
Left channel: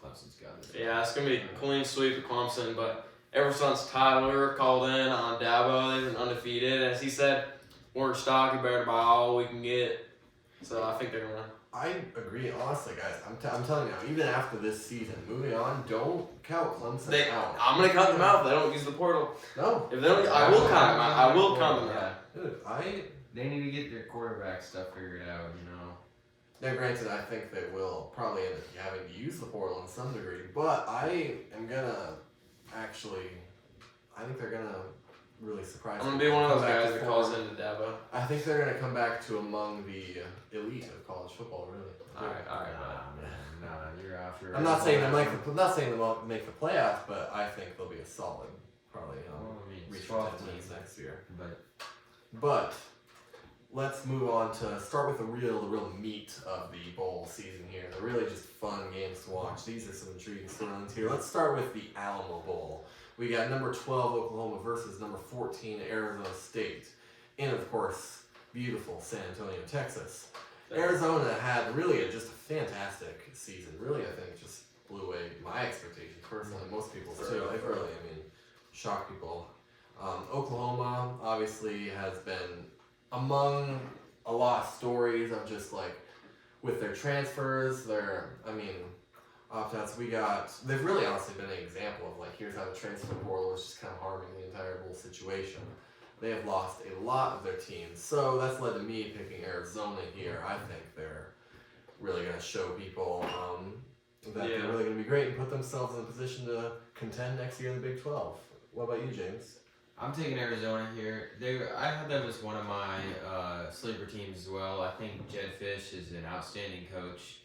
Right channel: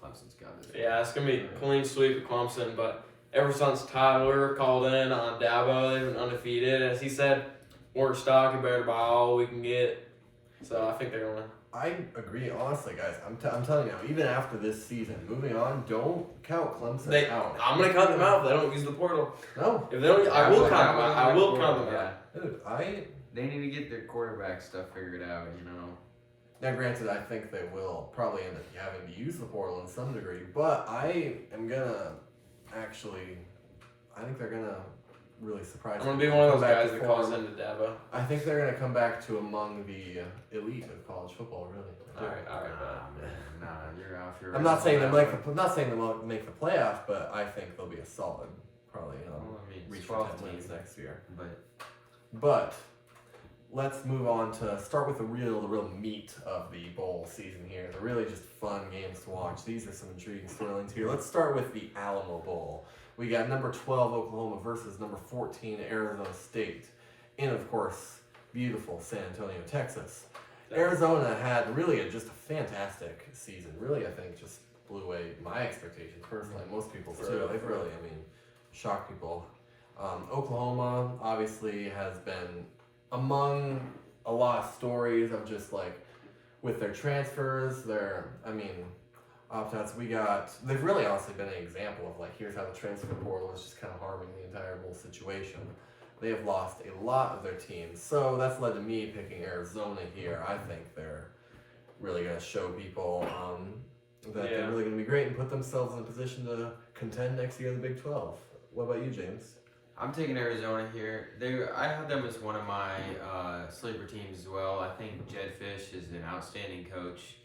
Clemson's got it. Yeah, it's going to be a clean sweep of Clemson, but ever since Tyler called in on Dabo, they've been undefeated. And as he said, we're stock, you better buy all we can get. So I think they're going to win. I agree, honestly, guys. I'm telling you now, even after this season, moving on, don't count Clemson out. I'm going to cut them out if they don't use the portal. No. If they don't, I will count them out. I will count them out. Dude, They need to get their quarterback stuff figured out, you know. Now, granted, I think they will probably end up having to use the portal in some degree, but I am gonna actually, I think they're gonna really surprise. I'm going to be one of those come back guys to that calls form. into Dabo. I think they're gonna come back to among the elite of college football. Really. I do. Alright, Nah, you're out. I'm not saying they won't make the playoffs, but I think they'll be a solid, probably Well, I mean, it's reach 12 for 10 wins teams. next year. But But let's move on to start with the real meat of the bowl season here. They're really just fun games to watch. These are some intriguing storylines here. Let's start with the Alamo Bowl. We got number 12 Oklahoma versus number 14 Arizona State in, of course, beautiful San Antonio, Texas. Arizona had really just a fantastic season. Really, I think just blew away my expectations personally. Most people's too. They've really, shocked people. Oklahoma obviously has been among a lot of stories of just like with their transfers, opt-outs. They've really honestly been an example of like, here's how the transfer portal is just kind of harming the entire whole situation. They have lost a lot of their teams, so that's led to me picking Arizona here. I think they're really going to show people that they're really going to be great and put themselves in a position to contend next year in the Big 12. What about you, James? I'm taking Arizona here. I had them as one of my sleeper teams as well. I think Jed Fish is an outstanding coach,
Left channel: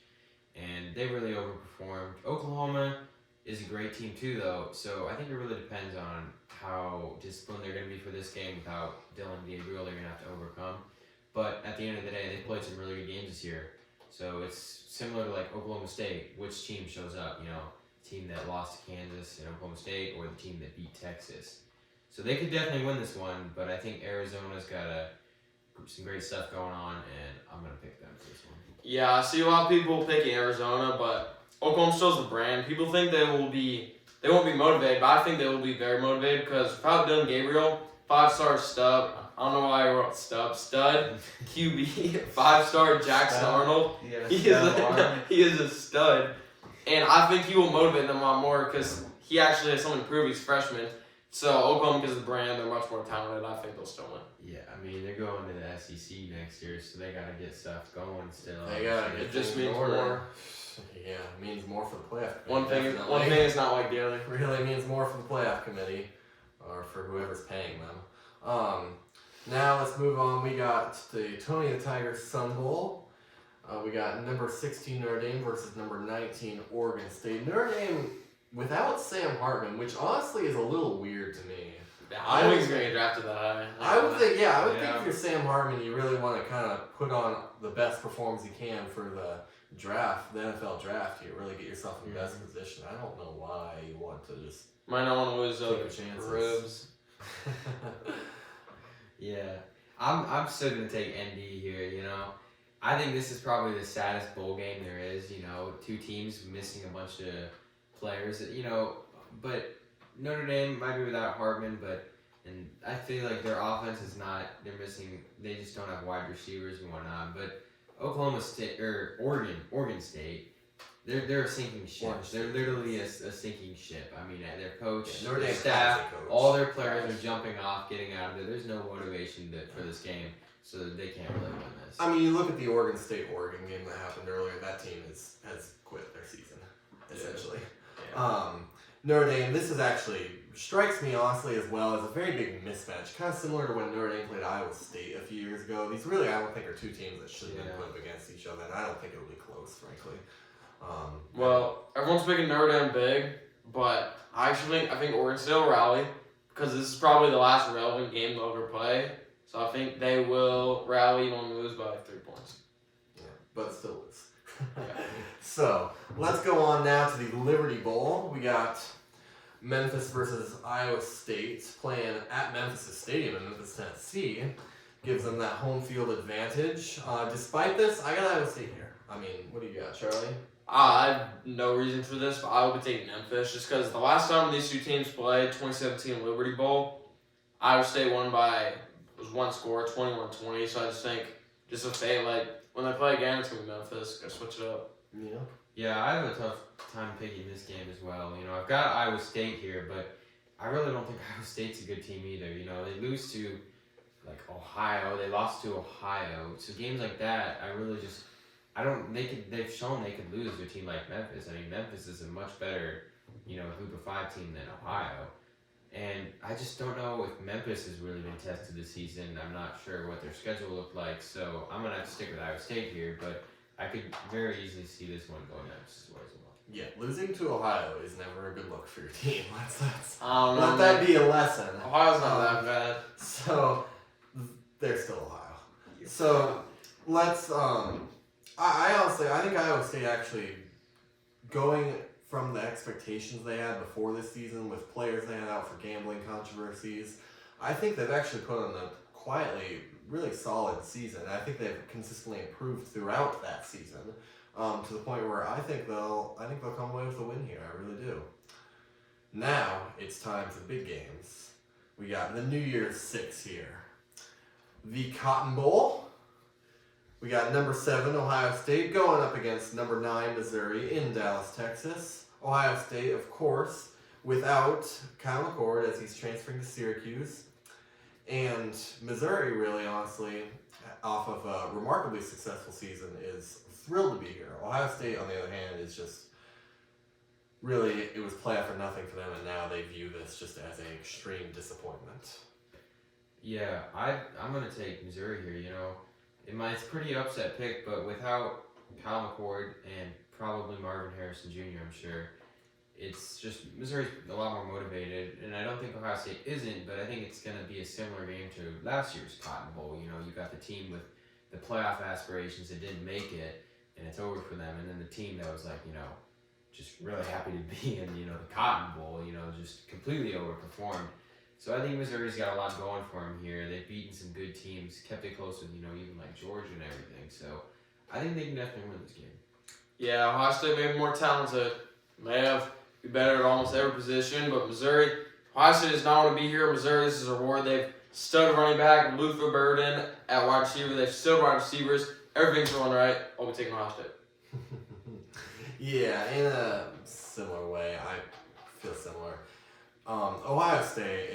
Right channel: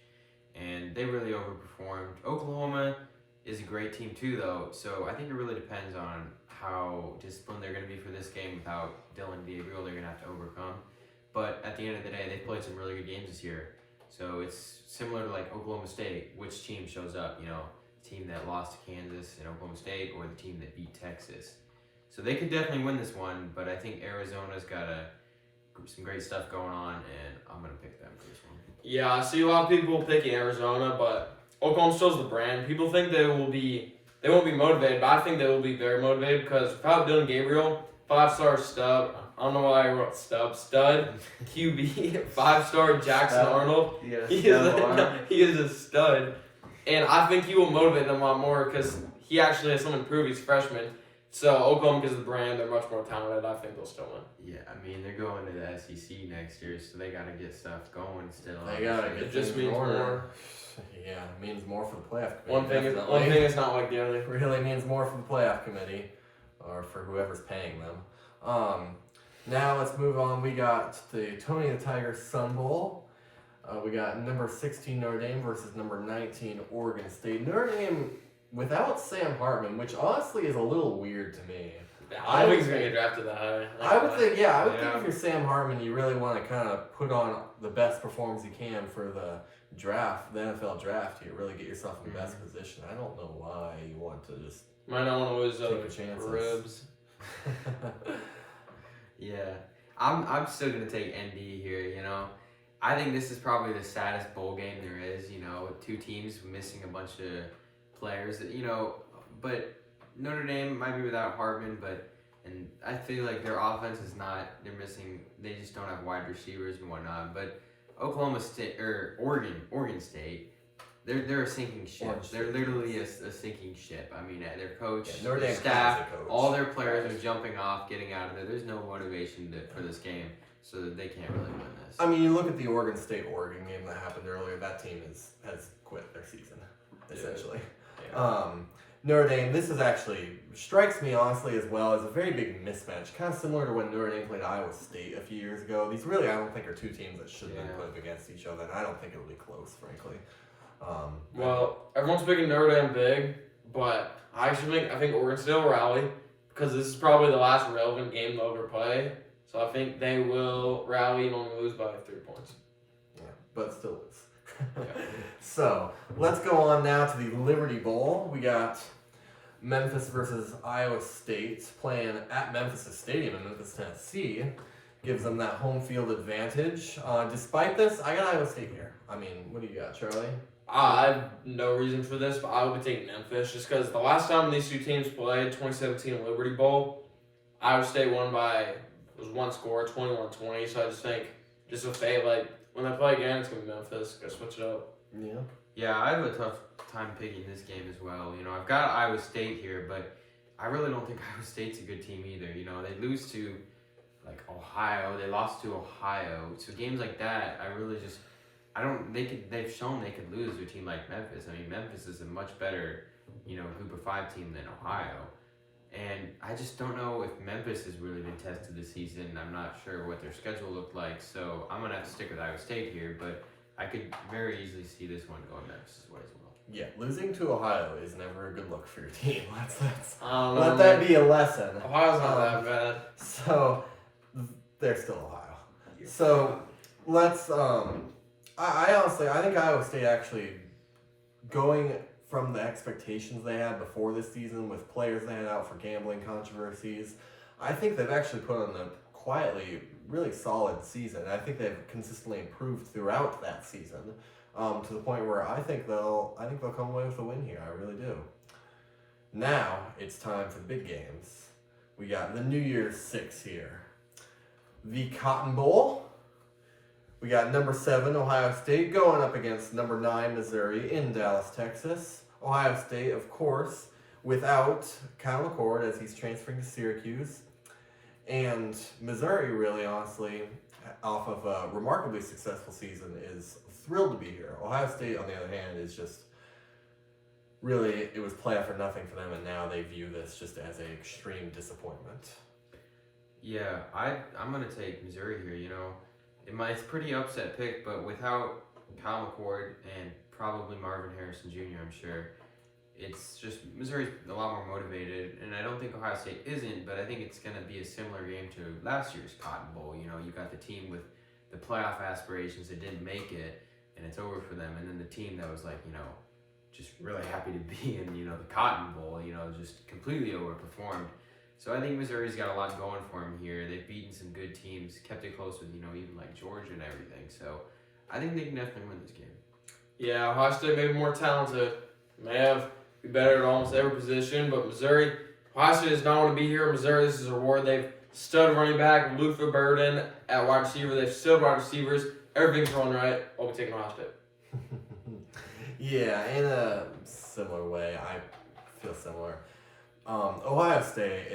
and they really overperformed. Oklahoma is a great team too, though, so I think it really depends on how disciplined they're going to be for this game without Dylan Gabriel. They're going to have to overcome. But at the end of the day, they played some really good games this year. So it's similar to like Oklahoma State. Which team shows up? You know, the team that lost to Kansas and Oklahoma State, or the team that beat Texas. So they could definitely win this one, but I think Arizona's got some great stuff going on, and I'm going to pick them for this one. Yeah, I see a lot of people picking Arizona, but Oklahoma still's the brand. People think they won't be motivated, but I think they will be very motivated because without Dylan Gabriel, 5-star stud, I don't know why I wrote stud, QB, 5-star Jackson Arnold. Yeah, He is a stud, and I think he will motivate them a lot more because he actually has something to prove. He's a freshman. So Oklahoma, because of the brand, they're much more talented. I think they'll still win. Yeah, I mean, they're going to the SEC next year, so they got to get stuff going still. They got to get just things in means order. more. Yeah, it means more for the playoff committee. One thing is not like the other. Really means more for the playoff committee, or for whoever's paying them. Now let's move on. We got the Tony the Tiger Sun Bowl. We got number 16 Notre Dame versus number 19 Oregon State. Notre Dame without Sam Hartman, which honestly is a little weird to me. I think he's going to get drafted that high. I would think if you're Sam Hartman, you really want to kind of put on the best performance you can for the draft, the NFL draft here. Really get yourself in the best position. I don't know why you want to just might not want to lose take your chances. ribs. Yeah, I'm still gonna take ND here. You know, I think this is probably the saddest bowl game there is. You know, two teams missing a bunch of players. You know, but Notre Dame might be without Hartman, and I feel like their offense is not. They're missing. They just don't have wide receivers and whatnot. But Oklahoma State or Oregon State, they're a sinking ship. Orange They're State literally a sinking ship. I mean, their coach, Yeah, Notre their Dame staff, has a coach. all their players are jumping off, getting out of there. There's no motivation for this game, so they can't really win this. I mean, you look at the Oregon game that happened earlier. That team has quit their season, essentially. Yeah. Notre Dame, this is actually strikes me honestly as well as a very big mismatch, kind of similar to when Notre Dame played Iowa State a few years ago. These really, I don't think, are two teams that should have been put up against each other, and I don't think it'll be close, frankly. Well, everyone's picking Notre Dame big, but I think Oregon State will rally because this is probably the last relevant game they'll ever play. So I think they will rally and only lose by like 3 points. Yeah, but still lose. So let's go on now to the Liberty Bowl. We got Memphis versus Iowa State playing at Memphis Stadium in Memphis, Tennessee. Gives them that home field advantage. Despite this, I got Iowa State here. I mean, what do you got, Charlie? I have no reason for this, but I would be taking Memphis just because the last time these two teams played, 2017 Liberty Bowl, Iowa State won by one score, 21-20. So I just think just a fate, like when they play again, it's gonna be Memphis. Gotta switch it up. Yeah. Yeah, I have a tough time picking this game as well. You know, I've got Iowa State here, but I really don't think Iowa State's a good team either. You know, they lose to like Ohio, they lost to Ohio. So games like that, I really just they've shown they could lose to a team like Memphis. I mean, Memphis is a much better, group of 5 team than Ohio. And I just don't know if Memphis has really been tested this season. I'm not sure what their schedule looked like, so I'm going to have to stick with Iowa State here, but I could very easily see this one going Memphis' way as well. Yeah, losing to Ohio is never a good look for your team. Let that be a lesson. Ohio's not that bad. So, they're still Ohio. So, let's, I honestly, I think Iowa State actually going from the expectations they had before this season with players they had out for gambling controversies, I think they've actually put on a quietly really solid season. I think they've consistently improved throughout that season to the point where I think they'll come away with a win here. I really do. Now it's time for the big games. We got the New Year's Six here. The Cotton Bowl. We got number 7, Ohio State, going up against number 9, Missouri, in Dallas, Texas. Ohio State, of course, without Kyle McCord as he's transferring to Syracuse. And Missouri, really, honestly, off of a remarkably successful season, is thrilled to be here. Ohio State, on the other hand, is just really, it was playoff for nothing for them, and now they view this just as an extreme disappointment. Yeah, I'm going to take Missouri here, It's a pretty upset pick, but without Kyle McCord and probably Marvin Harrison Jr., I'm sure, it's just Missouri's a lot more motivated, and I don't think Ohio State isn't, but I think it's going to be a similar game to last year's Cotton Bowl. You got the team with the playoff aspirations that didn't make it, and it's over for them, and then the team that was like, just really happy to be in, the Cotton Bowl, just completely overperformed. So I think Missouri's got a lot going for them here. They've beaten some good teams, kept it close with, even like Georgia and everything. So I think they can definitely win this game. Yeah, Ohio State may be more talented. They have be better at almost every position, but Missouri, Ohio State does not want to be here. Missouri, this is a reward. They've stud running back, Luther Burden at wide receiver. They've stud wide receivers. Everything's going right. I'll be taking Ohio State. Yeah, in a similar way, I feel similar. Ohio State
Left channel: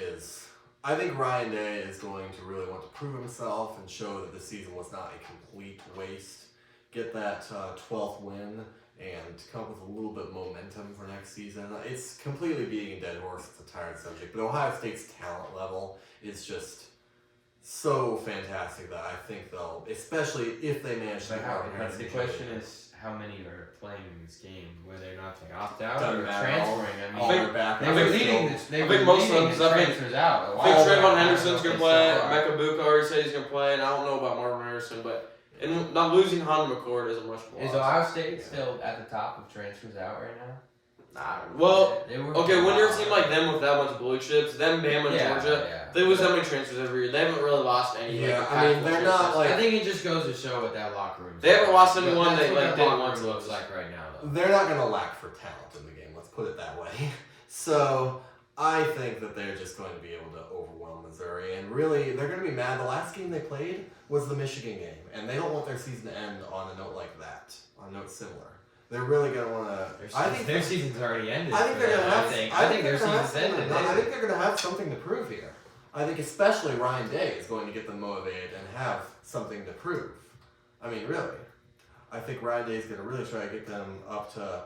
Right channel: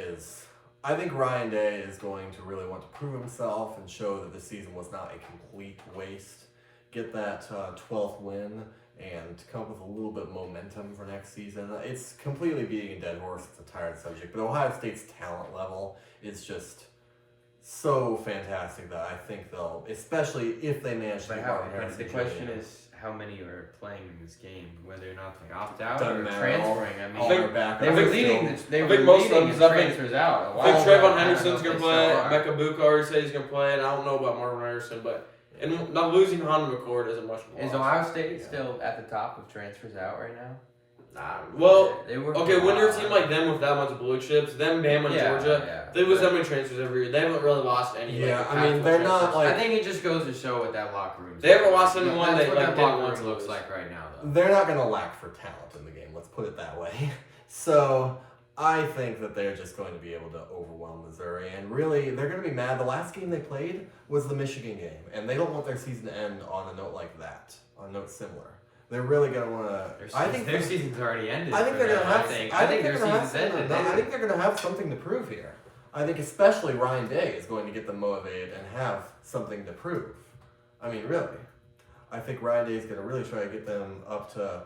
I think Ryan Day is going to really want to prove himself and show that the season was not a complete waste. Get that 12th win and come up with a little bit of momentum for next season. It's completely beating a dead horse. It's a tired subject. But Ohio State's talent level is just so fantastic that I think they'll, especially if they manage to get Marvin Harrison. The question is, how many are playing in this game, whether or not they opt out Doesn't or matter. transferring? All are back. They were leading this. They I were think most of leading them, the I think- transfers out. I think All Trayvon of them. Henderson's going to They play. still are. Mecca Buka already said he's going to play, and I don't know about Marvin Harrison, but and not losing Honda McCord isn't much more. Is Ohio State still at the top of transfers out right now? Nah. Well, They were. okay, when you're a team like them with that much blue chips, them Bama and Georgia, they lose that many transfers every year. They haven't really lost any. Yeah, like, I mean, they're not transfers. like. I think it just goes to show what that locker room. They haven't lost anyone. That's They what like that didn't locker want room to looks lose. like right now, though. They're not going to lack for talent in the game, let's put it that way. So, I think that they're just going to be able to overwhelm Missouri, and really, they're going to be mad. The last game they played was the Michigan game, and they don't want their season to end on a note like that, on a note similar. They're really gonna want to. I think their season's already ended. I think they're gonna have. I think their season's ended. I think they're gonna have something to prove here. I think especially Ryan Day is going to get them motivated and have something to prove. I mean, really. I think Ryan Day is going to really try to get them up to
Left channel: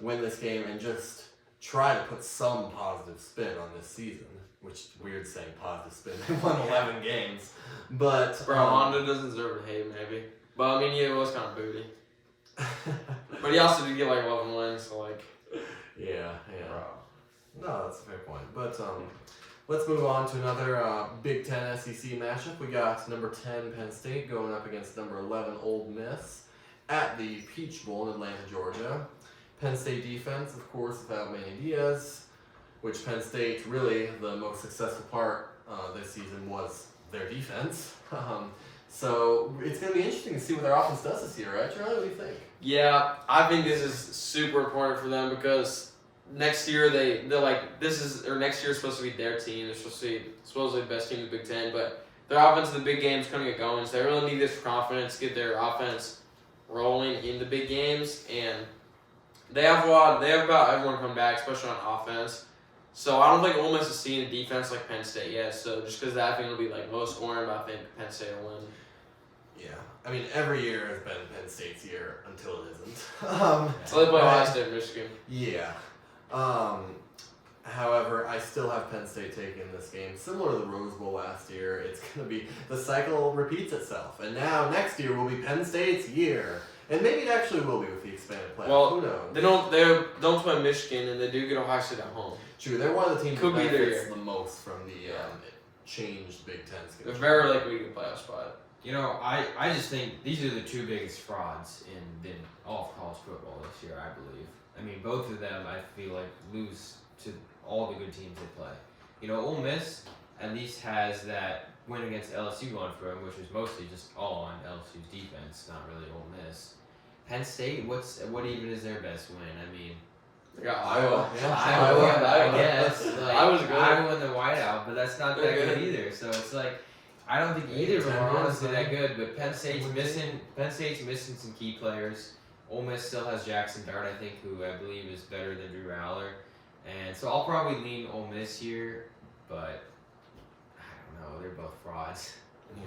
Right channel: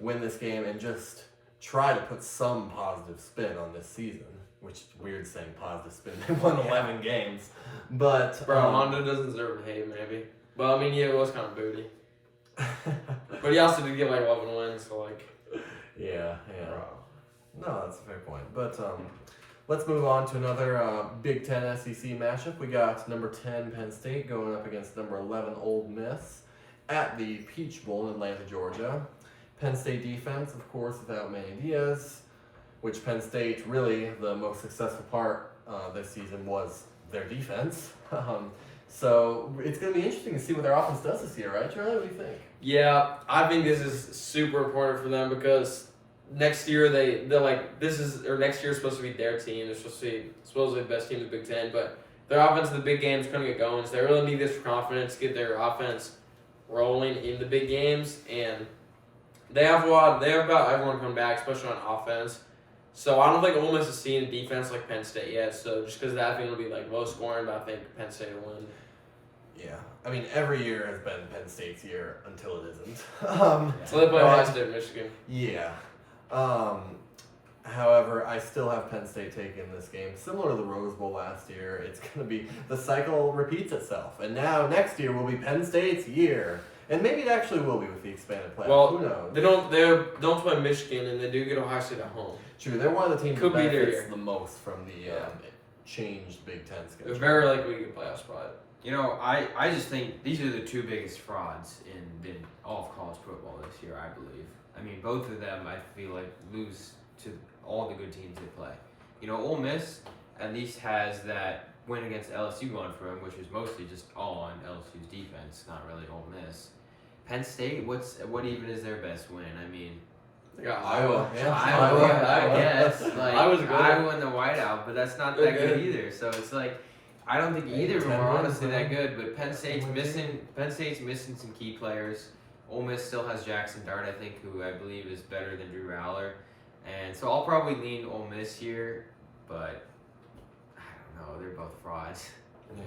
win this game and just try to put some positive spin on this season. Which is weird saying positive spin. They won 11 games. But. Bro, Honda doesn't deserve to hate, maybe. But I mean, yeah, it was kind of booty. But he also did get like 11 wins, so like. Yeah. No, that's a fair point. But let's move on to another Big Ten SEC matchup. We got number 10 Penn State going up against number 11 Ole Miss at the Peach Bowl in Atlanta, Georgia. Penn State defense, of course, without Manny Diaz, which Penn State really the most successful part this season was their defense. So it's going to be interesting to see what their offense does this year, right, Charlie? What do you think? Yeah, I think this is super important for them because next year next year is supposed to be their team. They're supposedly the best team in the Big Ten, but their offense in the big games is going to get going. So they really need this for confidence, get their offense rolling in the big games, and they have about everyone coming back, especially on offense. So I don't think Ole Miss is seeing a defense like Penn State yet. So just because that, I think it'll be like low scoring, but I think Penn State will win. Yeah, I mean every year has been Penn State's year until it isn't. So they play Ohio State, Michigan. Yeah. However, I still have Penn State taking this game. Similar to the Rose Bowl last year, it's going to be, the cycle repeats itself. And now, next year will be Penn State's year. And maybe it actually will be with the expanded playoff. Well, who knows? They don't play Michigan, and they do get Ohio State at home. True, they're one of the teams Could that be their benefits year. the most from the changed Big Ten schedule. It's very likely we can playoff spot. You know, I just think these are the two biggest frauds in all of college football this year, I believe. I mean, both of them, I feel like, lose to all the good teams they play. You know, Ole Miss at least has that win against LSU going for them, which was mostly just all on LSU's defense, not really Ole Miss. Penn State, what even is their best win? I mean, They got Iowa. Yeah. Iowa, I Iowa. guess. Like, Iowa's good. Iowa in the whiteout, but that's not They're that good good. either. So it's like, I don't think either of them 10 are wins, honestly man. that good. But Penn State's missing some key players. Ole Miss still has Jackson Dart, I think, who I believe is better than Drew Aller. And so I'll probably lean Ole Miss here, but I don't know. They're both frauds. Yeah.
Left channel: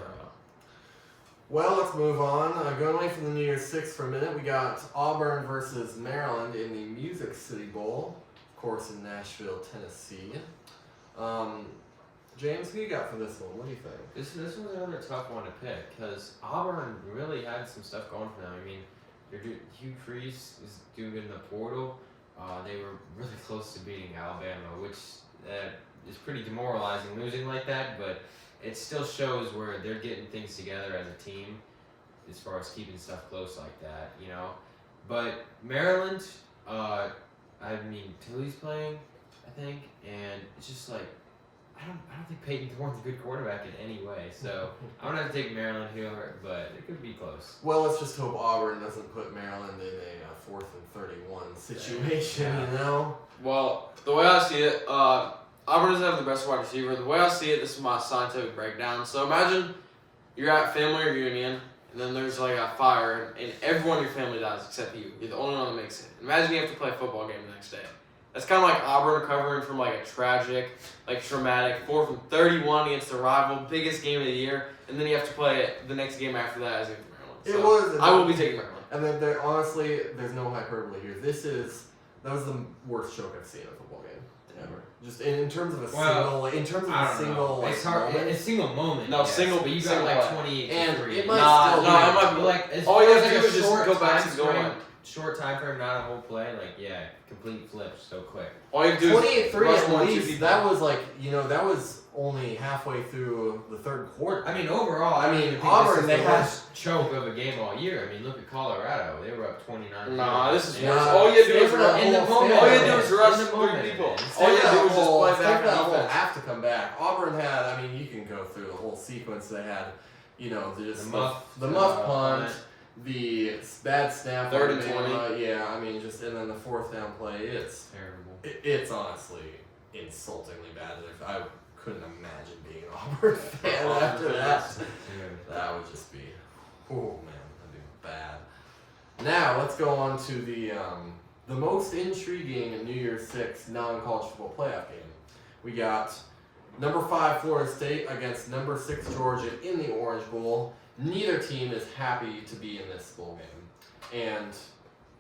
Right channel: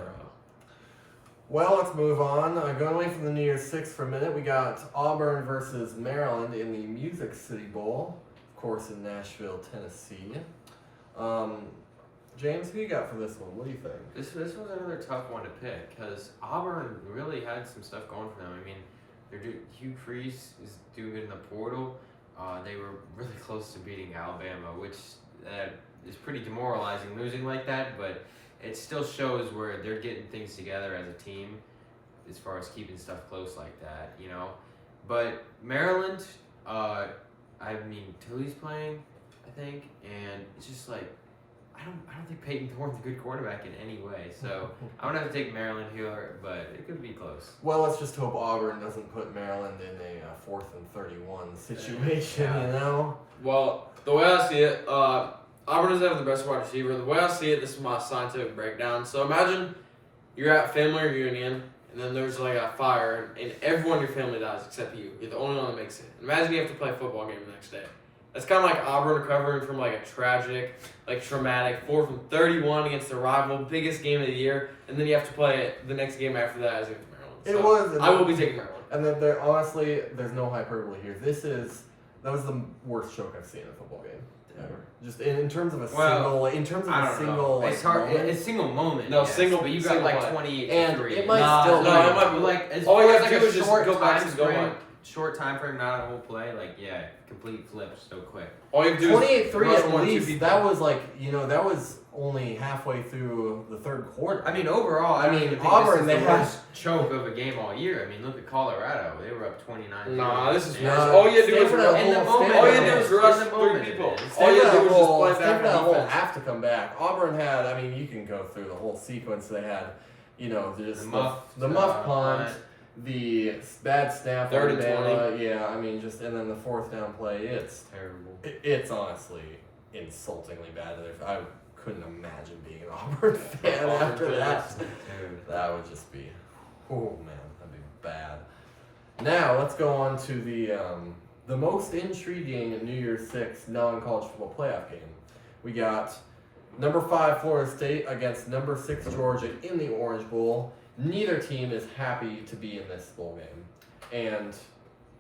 Well, let's move on. Going away from the New Year's Six for a minute, we got Auburn versus Maryland in the Music City Bowl, of course, in Nashville, Tennessee. James, who you got for this one? What do you think? This was another tough one to pick because Auburn really had some stuff going for them. I mean, Hugh Freeze is doing good in the portal. They were really close to beating Alabama, which is pretty demoralizing losing like that, but it still shows where they're getting things together as a team as far as keeping stuff close like that, you know. But Maryland, I mean, Tilly's playing, I think, and it's just like, I don't think Peyton Thorne's a good quarterback in any way, so I'm gonna have to take Maryland here, but it could be close. Well, let's just hope Auburn doesn't put Maryland in a 4th and 31 situation, Yeah. you know? Well, the way I see it, Auburn doesn't have the best wide receiver. The way I see it, this is my scientific breakdown. So imagine you're at family reunion, and then there's like a fire, and everyone in your family dies except you. You're the only one that makes it. Imagine you have to play a football game the next day. That's kind of like Auburn recovering from like a tragic, like traumatic 4th and 31 against the rival, biggest game of the year, and then you have to play it the next game after that as against Maryland. It So was. I will be taking Maryland. And then honestly, there's no hyperbole here. That was the worst choke I've seen in a football game ever. Just in terms of a single, like, It's hard. moment. It's single moment. No, yes, single- but you got single like play. 28 And to 3. it might Nah, still no, be. it might be like as all far you as have like to do a is just short go back time to going. frame, short time frame, not a whole play. Like complete flips so quick. All you have to do is 28-3 rush at one, two least. people. That was like, that was only halfway through the third quarter. I mean, overall, I mean, don't think Auburn, this they is the had- worst choke of a game all year. I mean, look at Colorado; they were up 29. Nah, this is Yeah. worse. All you have to do is Stay for rush. that in the whole- moment. stay All for you that have to do is in rush the 3 moment. people. All Stay you for have to that do is just whole, play stay back for that whole defense. half to come back. Auburn had, I mean, you can go through the whole sequence. They had, just the muff punt, the bad snap, 30, Alabama, yeah, I mean, and then the 4th down play. It's Terrible. it's honestly insultingly bad. I couldn't imagine being an Auburn fan after that. Dude. That would just be, oh man, that'd be bad. Now let's go on to the most intriguing New Year's Six non-college football playoff game. We got number 5 Florida State against number 6 Georgia in the Orange Bowl. Neither team is happy to be in this bowl game, and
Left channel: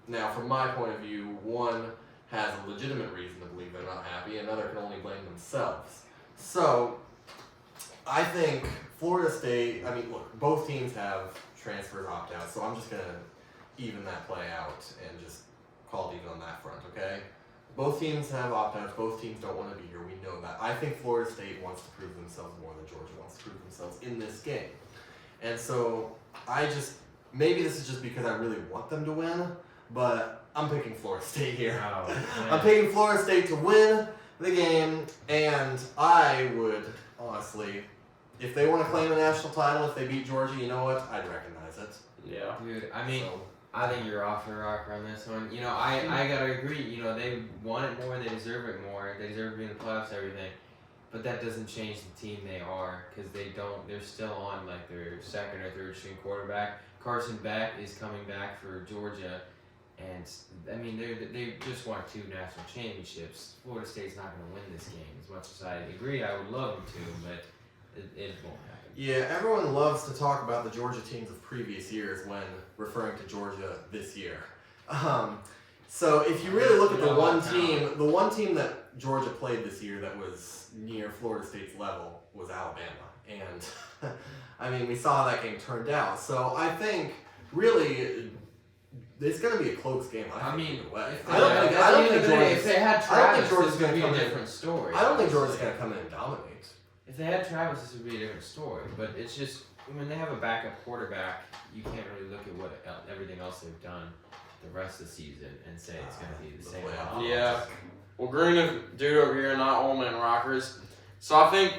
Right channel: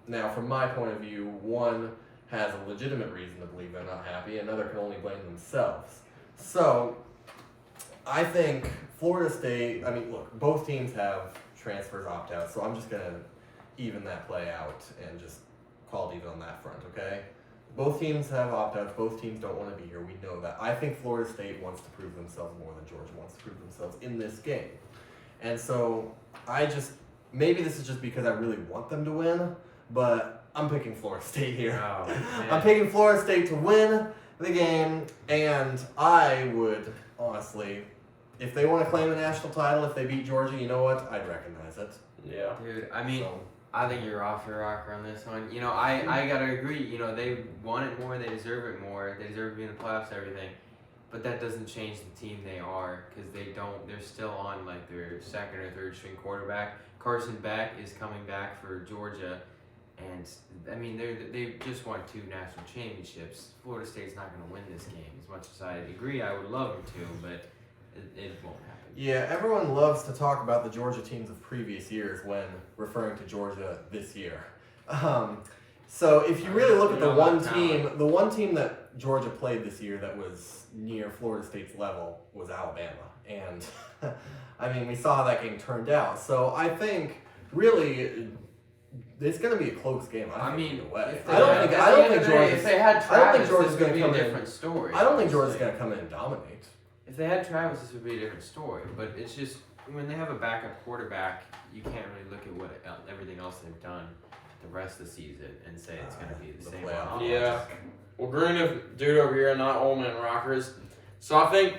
now from my point of view, one has a legitimate reason to believe they're not happy, another can only blame themselves. So I think Florida State, I mean, look, both teams have transfers opt out, so I'm just going to even that play out and just call it even on that front, okay? Both teams have opt outs, both teams don't want to be here, we know that. I think Florida State wants to prove themselves more than Georgia wants to prove themselves in this game. And so maybe this is just because I really want them to win, but I'm picking Florida State here. Oh, I'm picking Florida State to win the game, and I would, honestly, if they want to claim a national title, if they beat Georgia, you know what? I'd recognize it. Yeah. Dude, I mean, So, I think you're off your rocker on this one. You know, I gotta agree. You know, they want it more, they deserve it more, they deserve to be in the playoffs, everything. But that doesn't change the team they are, because they're still on like their second or third string quarterback. Carson Beck is coming back for Georgia, and I mean they just won 2 national championships. Florida State's not going to win this game. As much as I agree, I would love them to, but it won't happen. yeah, everyone loves to talk about the Georgia teams of previous years when referring to Georgia this year. So if you really look at the one team that Georgia played this year that was near Florida State's level was Alabama. And I mean, we saw how that game turned out. So I think really it's going to be a close game. I think, either way. I don't think Georgia's going to come in. Different story. I don't think Georgia's going to come in and dominate. If they had Travis, this would be a different story. But it's just when they have a backup quarterback, you can't really look at everything else they've done the rest of the season and say it's going to be the same. playoff. Yeah. Well, Green and dude over here, not Ole Man Rockers. So I think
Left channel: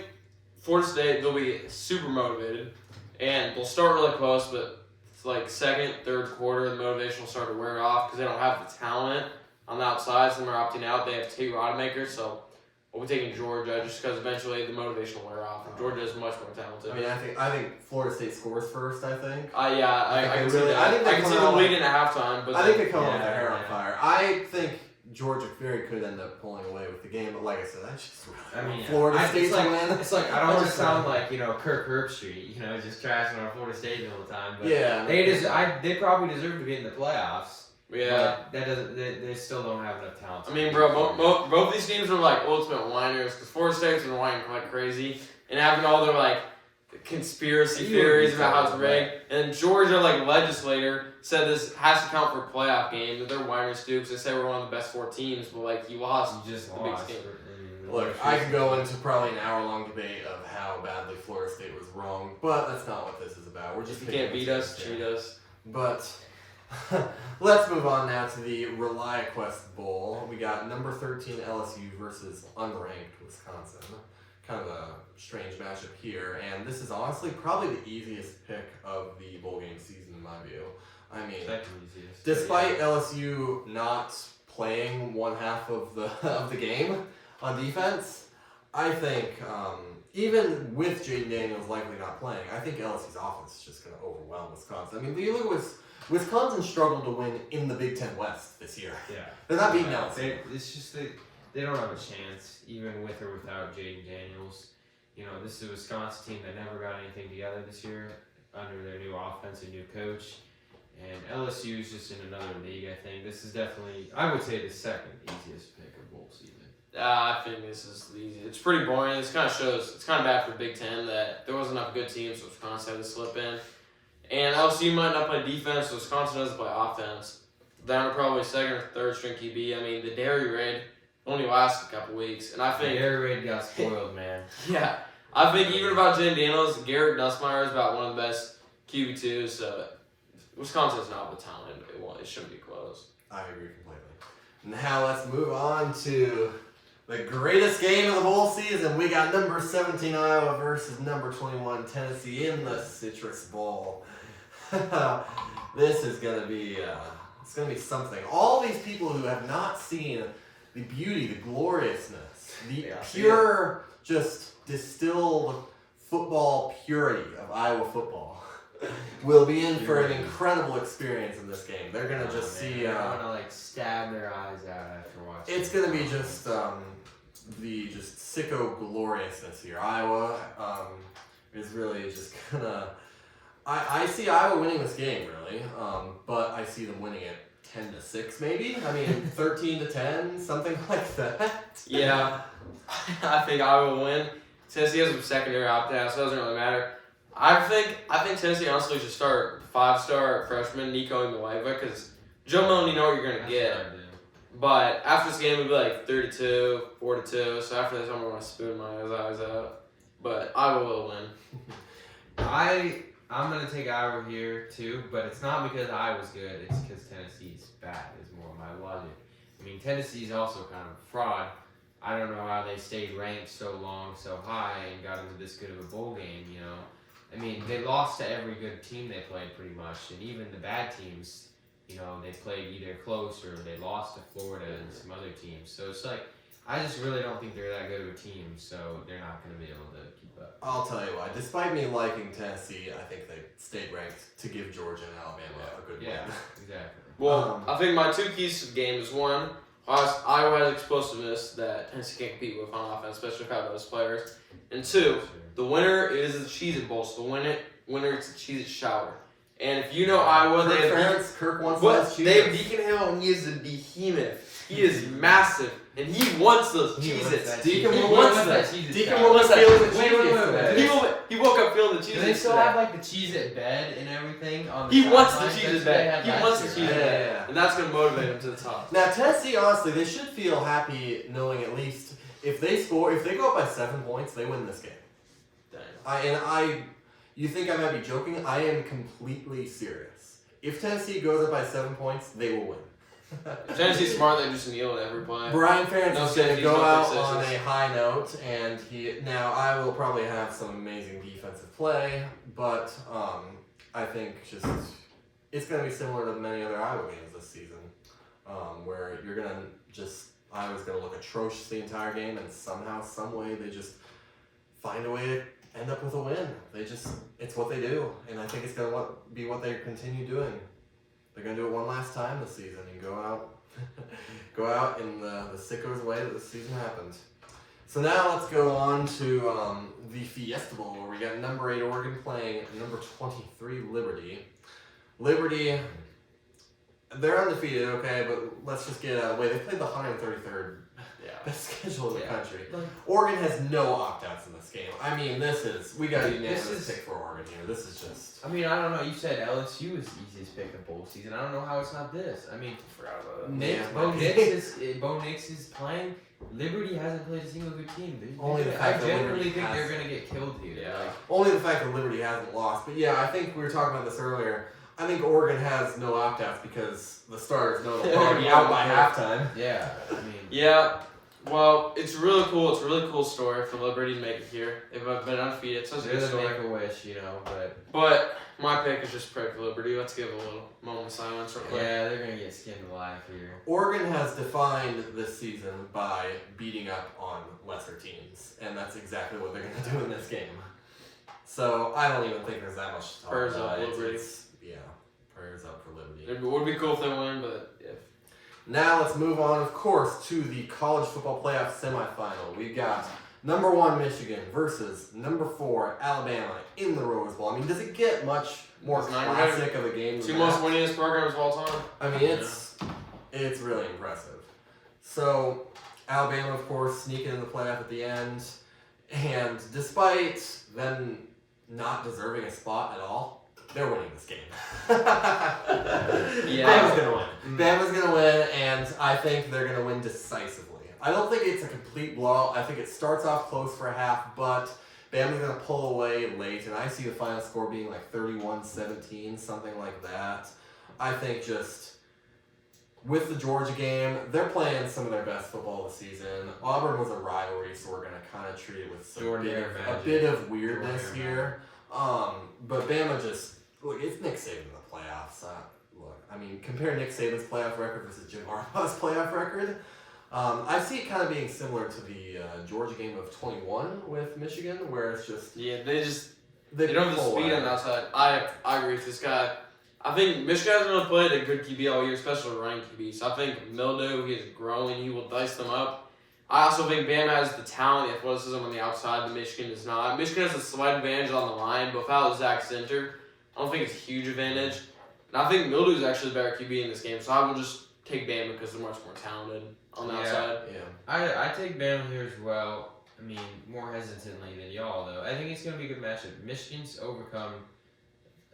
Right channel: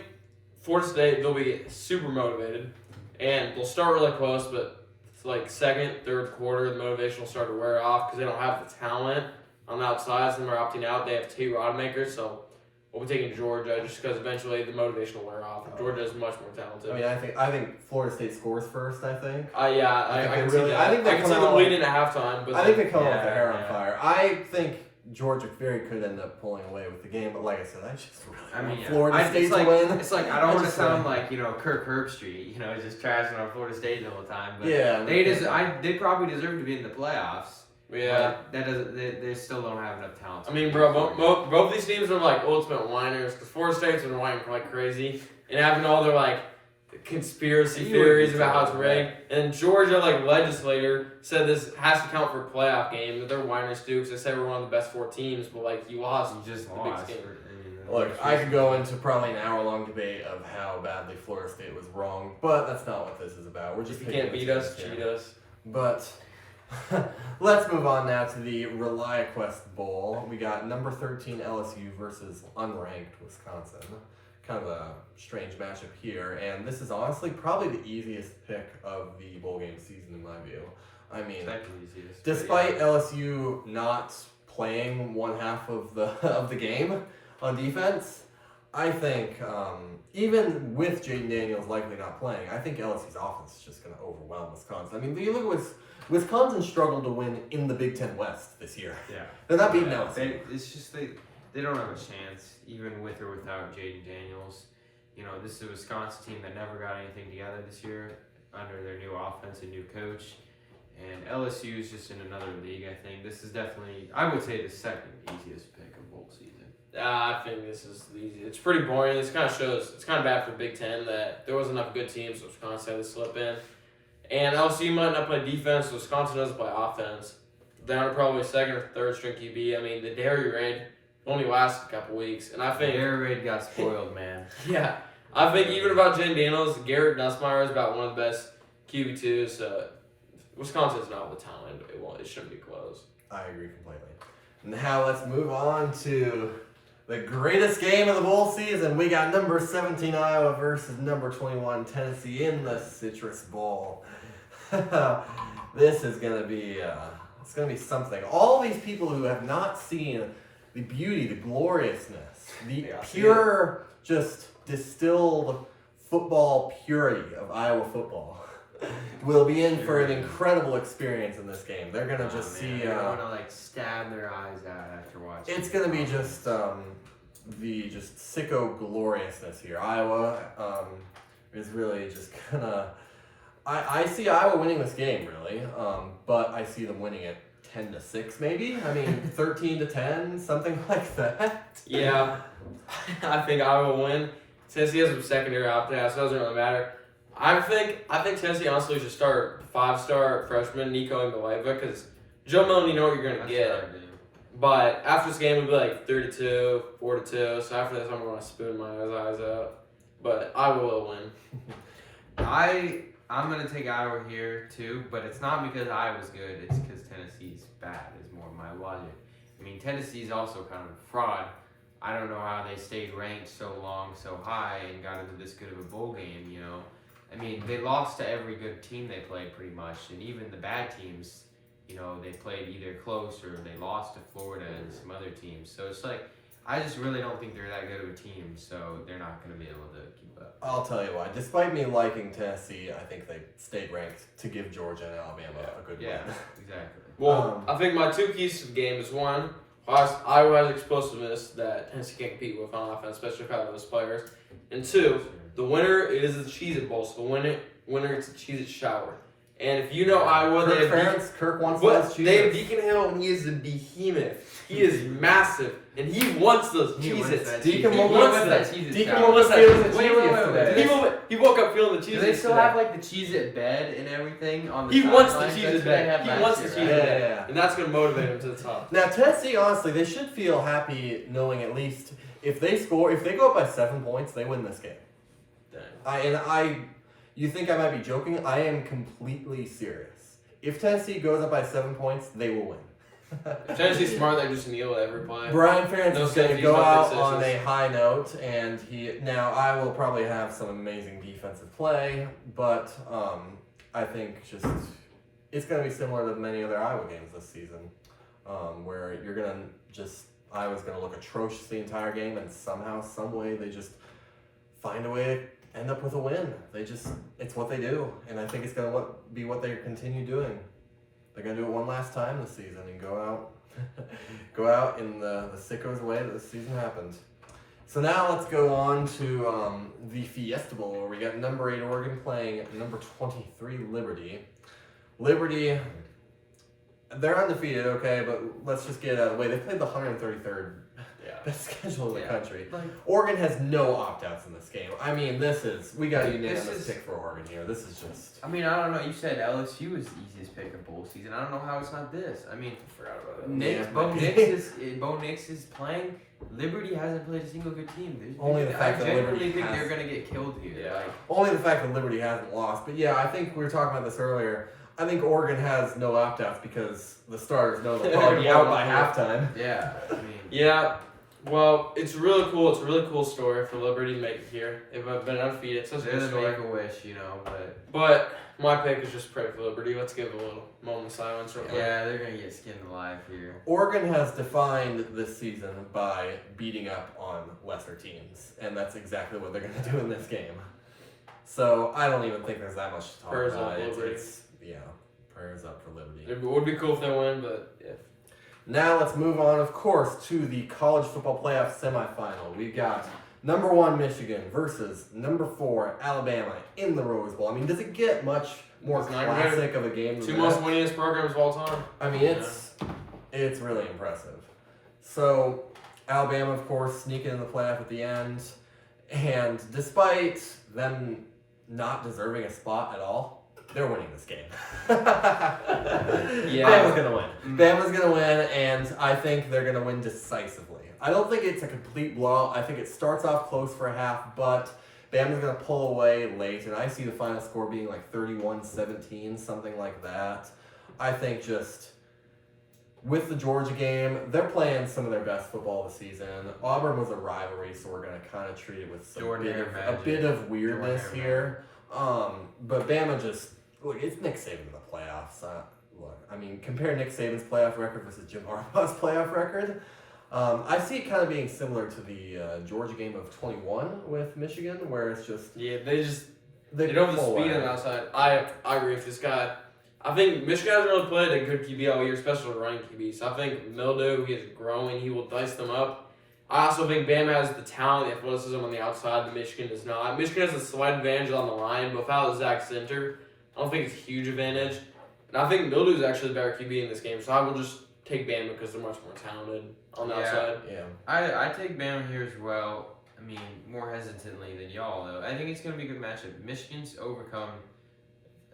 Florida State, they'll be super motivated, and they'll start really close, but it's like second, third quarter, the motivation will start to wear off because they don't have the talent on the outside, so they're opting out. They have 2 rod makers, so we'll be taking Georgia just because eventually the motivation will wear off. And Georgia is much more talented. I mean, I think Florida State scores first. I think. Yeah, I can see really. that. I think they can come see them out leading at halftime. But I think they come out with Yeah, their hair on yeah. fire. I think Georgia very could end up pulling away with the game, but like I said, I just really want yeah. Florida State to win. It's like I don't I want to just sound say- like Kirk Herbstreit, just trashing on Florida State the whole time. But Yeah, they probably deserve to be in the playoffs. yeah. But that doesn't. They still don't have enough talent. I mean, bro, both these teams are like ultimate whiners because Florida State's been whining like crazy and having all their like conspiracy You would theories be about how it's telling rigged. And Georgia legislator said this has to count for a playoff game. That they're whiners too because they say we're one of the best 4 teams, but like you lost. You just the biggest lost. game. Look, I could go into probably an hour-long debate of how badly Florida State was wrong, but that's not what this is about. We're just If you can't picking beat the us, teams here. cheat us. But let's move on now to the ReliaQuest Bowl. We got number 13 LSU versus unranked Wisconsin. Kind of a strange matchup here, and this is honestly probably the easiest pick of the bowl game season in my view. I mean, despite LSU not playing one half of the game on defense, I think even with Jaden Daniels likely not playing, I think LSU's offense is just going to overwhelm Wisconsin. I mean, you look at Wisconsin struggled to win in the Big Ten West this year. Yeah. They're not beating LSU. It's just they don't have a chance, even with or without Jaden Daniels. This is a Wisconsin team that never got anything together this year under their new offense and new coach. And LSU is just in another league, I think. This is definitely, I would say, the second easiest pick of bowl season. I think this is easy. It's pretty boring. This kind of shows, it's kind of bad for the Big Ten that there wasn't enough good teams, so Wisconsin had to slip in. And LSU might not play defense, so Wisconsin doesn't play offense. Down to probably second or third string QB. I mean, the Dairy Raid only lasted a couple weeks. And I think Air Raid got spoiled, man. yeah. I think even about Jaden Daniels, Garrett Nussmeier is about one of the best QB2s, so Wisconsin's not the talent. It shouldn't be close. I agree completely. Now let's move on to the greatest game of the bowl season. We got number 17 Iowa versus number 21 Tennessee in the Citrus Bowl. This is gonna be it's gonna be something. All these people who have not seen the beauty, the gloriousness, the pure, just distilled football purity of Iowa football. will be in for an incredible experience in this game. They're gonna just see. They're gonna like stab their eyes out after watching. It's gonna be just the just sicko gloriousness here. Iowa is really just gonna. I see Iowa winning this game really, but I see them winning it 10-6 maybe. I mean 13-10, something like that. Yeah, I think Iowa will win. Tennessee has some secondary opt-outs, so it doesn't really matter. I think Tennessee honestly should start 5-star freshman Nico Imaleva because Joe Milton, you know what you're gonna get. But after this game, we'll be like 32, 4-2. So after this, I'm gonna spoon my eyes out. But Iowa will win. I'm gonna take Iowa here too, but it's not because Iowa's good. It's because Tennessee's bad. Is more my logic. I mean, Tennessee's also kind of a fraud. I don't know how they stayed ranked so long, so high, and got into this good of a bowl game. You know, I mean, they lost to every good team they played pretty much, and even the bad teams. You know, they played either close or they lost to Florida and some other teams. So it's like, I just really don't think they're that good of a team, so they're not going to be able to keep up. I'll tell you why. Despite me liking Tennessee, I think they stayed ranked to give Georgia and Alabama a good win. Exactly. Well, I think my two keys to the game is one, Iowa has explosiveness that Tennessee can't compete with on offense, especially if I have those players. And two, the winner is the Cheez-It Bowl, so the winner is the Cheez-It Shower. And if you know Iowa, Kirk wants those Cheez-Its. They have Deacon Hill, and he is a behemoth. He is massive, and he wants those Cheez-Its. Deacon will wants miss that that. Cheez-It Deacon shower. will miss feeling the Wait, Cheez-Its. He woke up feeling the Cheez-Its. Do they still today. have like the Cheez-It bed and everything on the He wants the sidelines? Cheez-It That's what they bed. had He last wants the year, Cheez-It right? bed. And that's going to motivate him to the top. Now Tennessee, honestly, they should feel happy knowing at least if they go up by 7 points, they win this game. You think I might be joking? I am completely serious. If Tennessee goes up by 7 points, they will win. If Tennessee's smart, they just kneel at every play. Brian Ferentz No is going to safeties, go no out pick on a sixes. high note, and I will probably have some amazing defensive play, but I think it's going to be similar to many other Iowa games this season, where Iowa's going to look atrocious the entire game, and somehow, some way, they just find a way to end up with a win. It's what they do, and I think it's going to be what they continue doing. They're going to do it one last time this season and go out in the sicko's way that this season happened. So now let's go on to the Fiesta Bowl, where we got number 8 Oregon playing number 23 Liberty. Liberty, they're undefeated, okay, but let's just get out of the way. They played the 133rd best schedule in the country. Oregon has no opt-outs in this game. I mean, we got a unanimous pick for Oregon here. This is just... I mean, I don't know. You said LSU is the easiest pick of bowl season. I don't know how it's not this. I mean, I forgot about that. Bo Nix is playing. Liberty hasn't played a single good team. Only the fact that Liberty think has- they're going to get killed here. Yeah. Like, Only the fact that Liberty hasn't lost. But yeah, I think we were talking about this earlier. I think Oregon has no opt-outs because the starters know they'll probably be out by halftime. yeah. I mean, Yeah. Well, it's really cool. It's a really cool story for Liberty to make it here. They've been undefeated. It's such a They're good the story. Make-A-Wish, you know, But my pick is just pray for Liberty. Let's give a little moment of silence. Real quick. yeah, they're gonna get skinned alive here. Oregon has defined this season by beating up on lesser teams, and that's exactly what they're going to do in this game. So I don't even think there's that much to talk Prayers about. up, Liberty. Prayers up for Liberty. It would be cool if they win, but yeah. Now let's move on, of course, to the college football playoff semifinal. We've got number 1 Michigan versus number 4 Alabama in the Rose Bowl. I mean, does it get much more It's not classic of a game than Two that? most winningest programs of all time. I mean, it's really impressive. So Alabama, of course, sneaking in the playoff at the end, and despite them not deserving a spot at all, they're winning this game. Bama's gonna win. Bama's gonna win, and I think they're gonna win decisively. I don't think it's a complete blowout. I think it starts off close for a half, but Bama's gonna pull away late, and I see the final score being like 31-17, something like that. I think just with the Georgia game, they're playing some of their best football this season. Auburn was a rivalry, so we're gonna kind of treat it with a bit of weirdness here. But Bama just look, it's Nick Saban in the playoffs. Look, I mean, compare Nick Saban's playoff record versus Jim Harbaugh's playoff record. I see it kind of being similar to the Georgia game of 21 with Michigan, where it's just Yeah, They don't have the pull speed on away. the outside. I agree with this guy. I think Michigan hasn't really played a good QB all year, especially running QB. So I think Mildew, he is growing. He will dice them up. I also think Bama has the talent, the athleticism on the outside that Michigan does not. Michigan has a slight advantage on the line, but without Zach Center, I don't think it's a huge advantage. And I think Mildew is actually the better QB in this game, so I will just take Bama because they're much more talented on the outside. Yeah. I take Bama here as well. I mean, more hesitantly than y'all, though. I think it's going to be a good matchup. Michigan's overcome,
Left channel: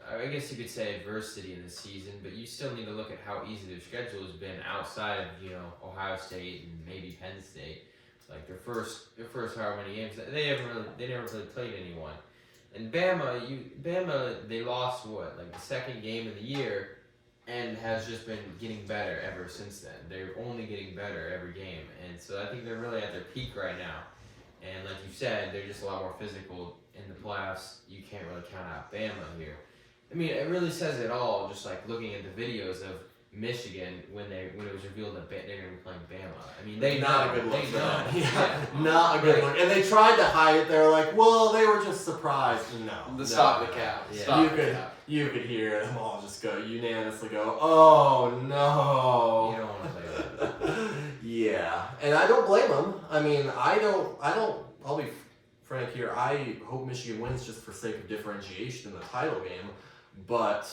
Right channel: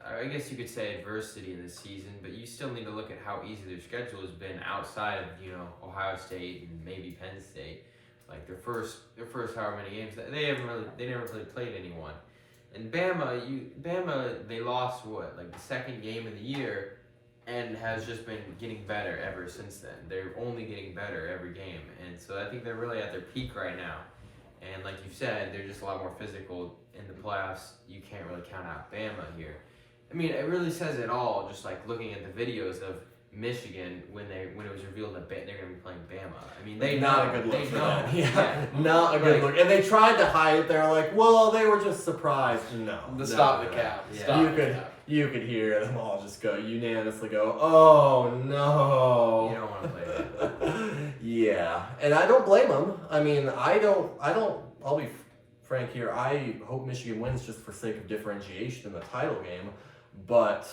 I guess you could say, adversity in the season, but you still need to look at how easy their schedule has been outside of, Ohio State and maybe Penn State. Like their first however many games, they never really played anyone. And Bama, they lost the second game of the year, and has just been getting better ever since then. They're only getting better every game, and so I think they're really at their peak right now. And like you said, they're just a lot more physical in the playoffs. You can't really count out Bama here. I mean, it really says it all. Just like looking at the videos of Michigan when it was revealed that they're going to be playing Bama. I mean, they not know, a good look they for know. them. Yeah, not a good look. And they tried to hide it. They're like, well, they were just surprised. No. Stop no. the cap. Yeah. Stop You the could cap. you could hear them all just unanimously go, oh no. You don't want to play that. Yeah, and I don't blame them. I mean, I don't. I'll be frank here. I hope Michigan wins just for sake of differentiation in the title game, but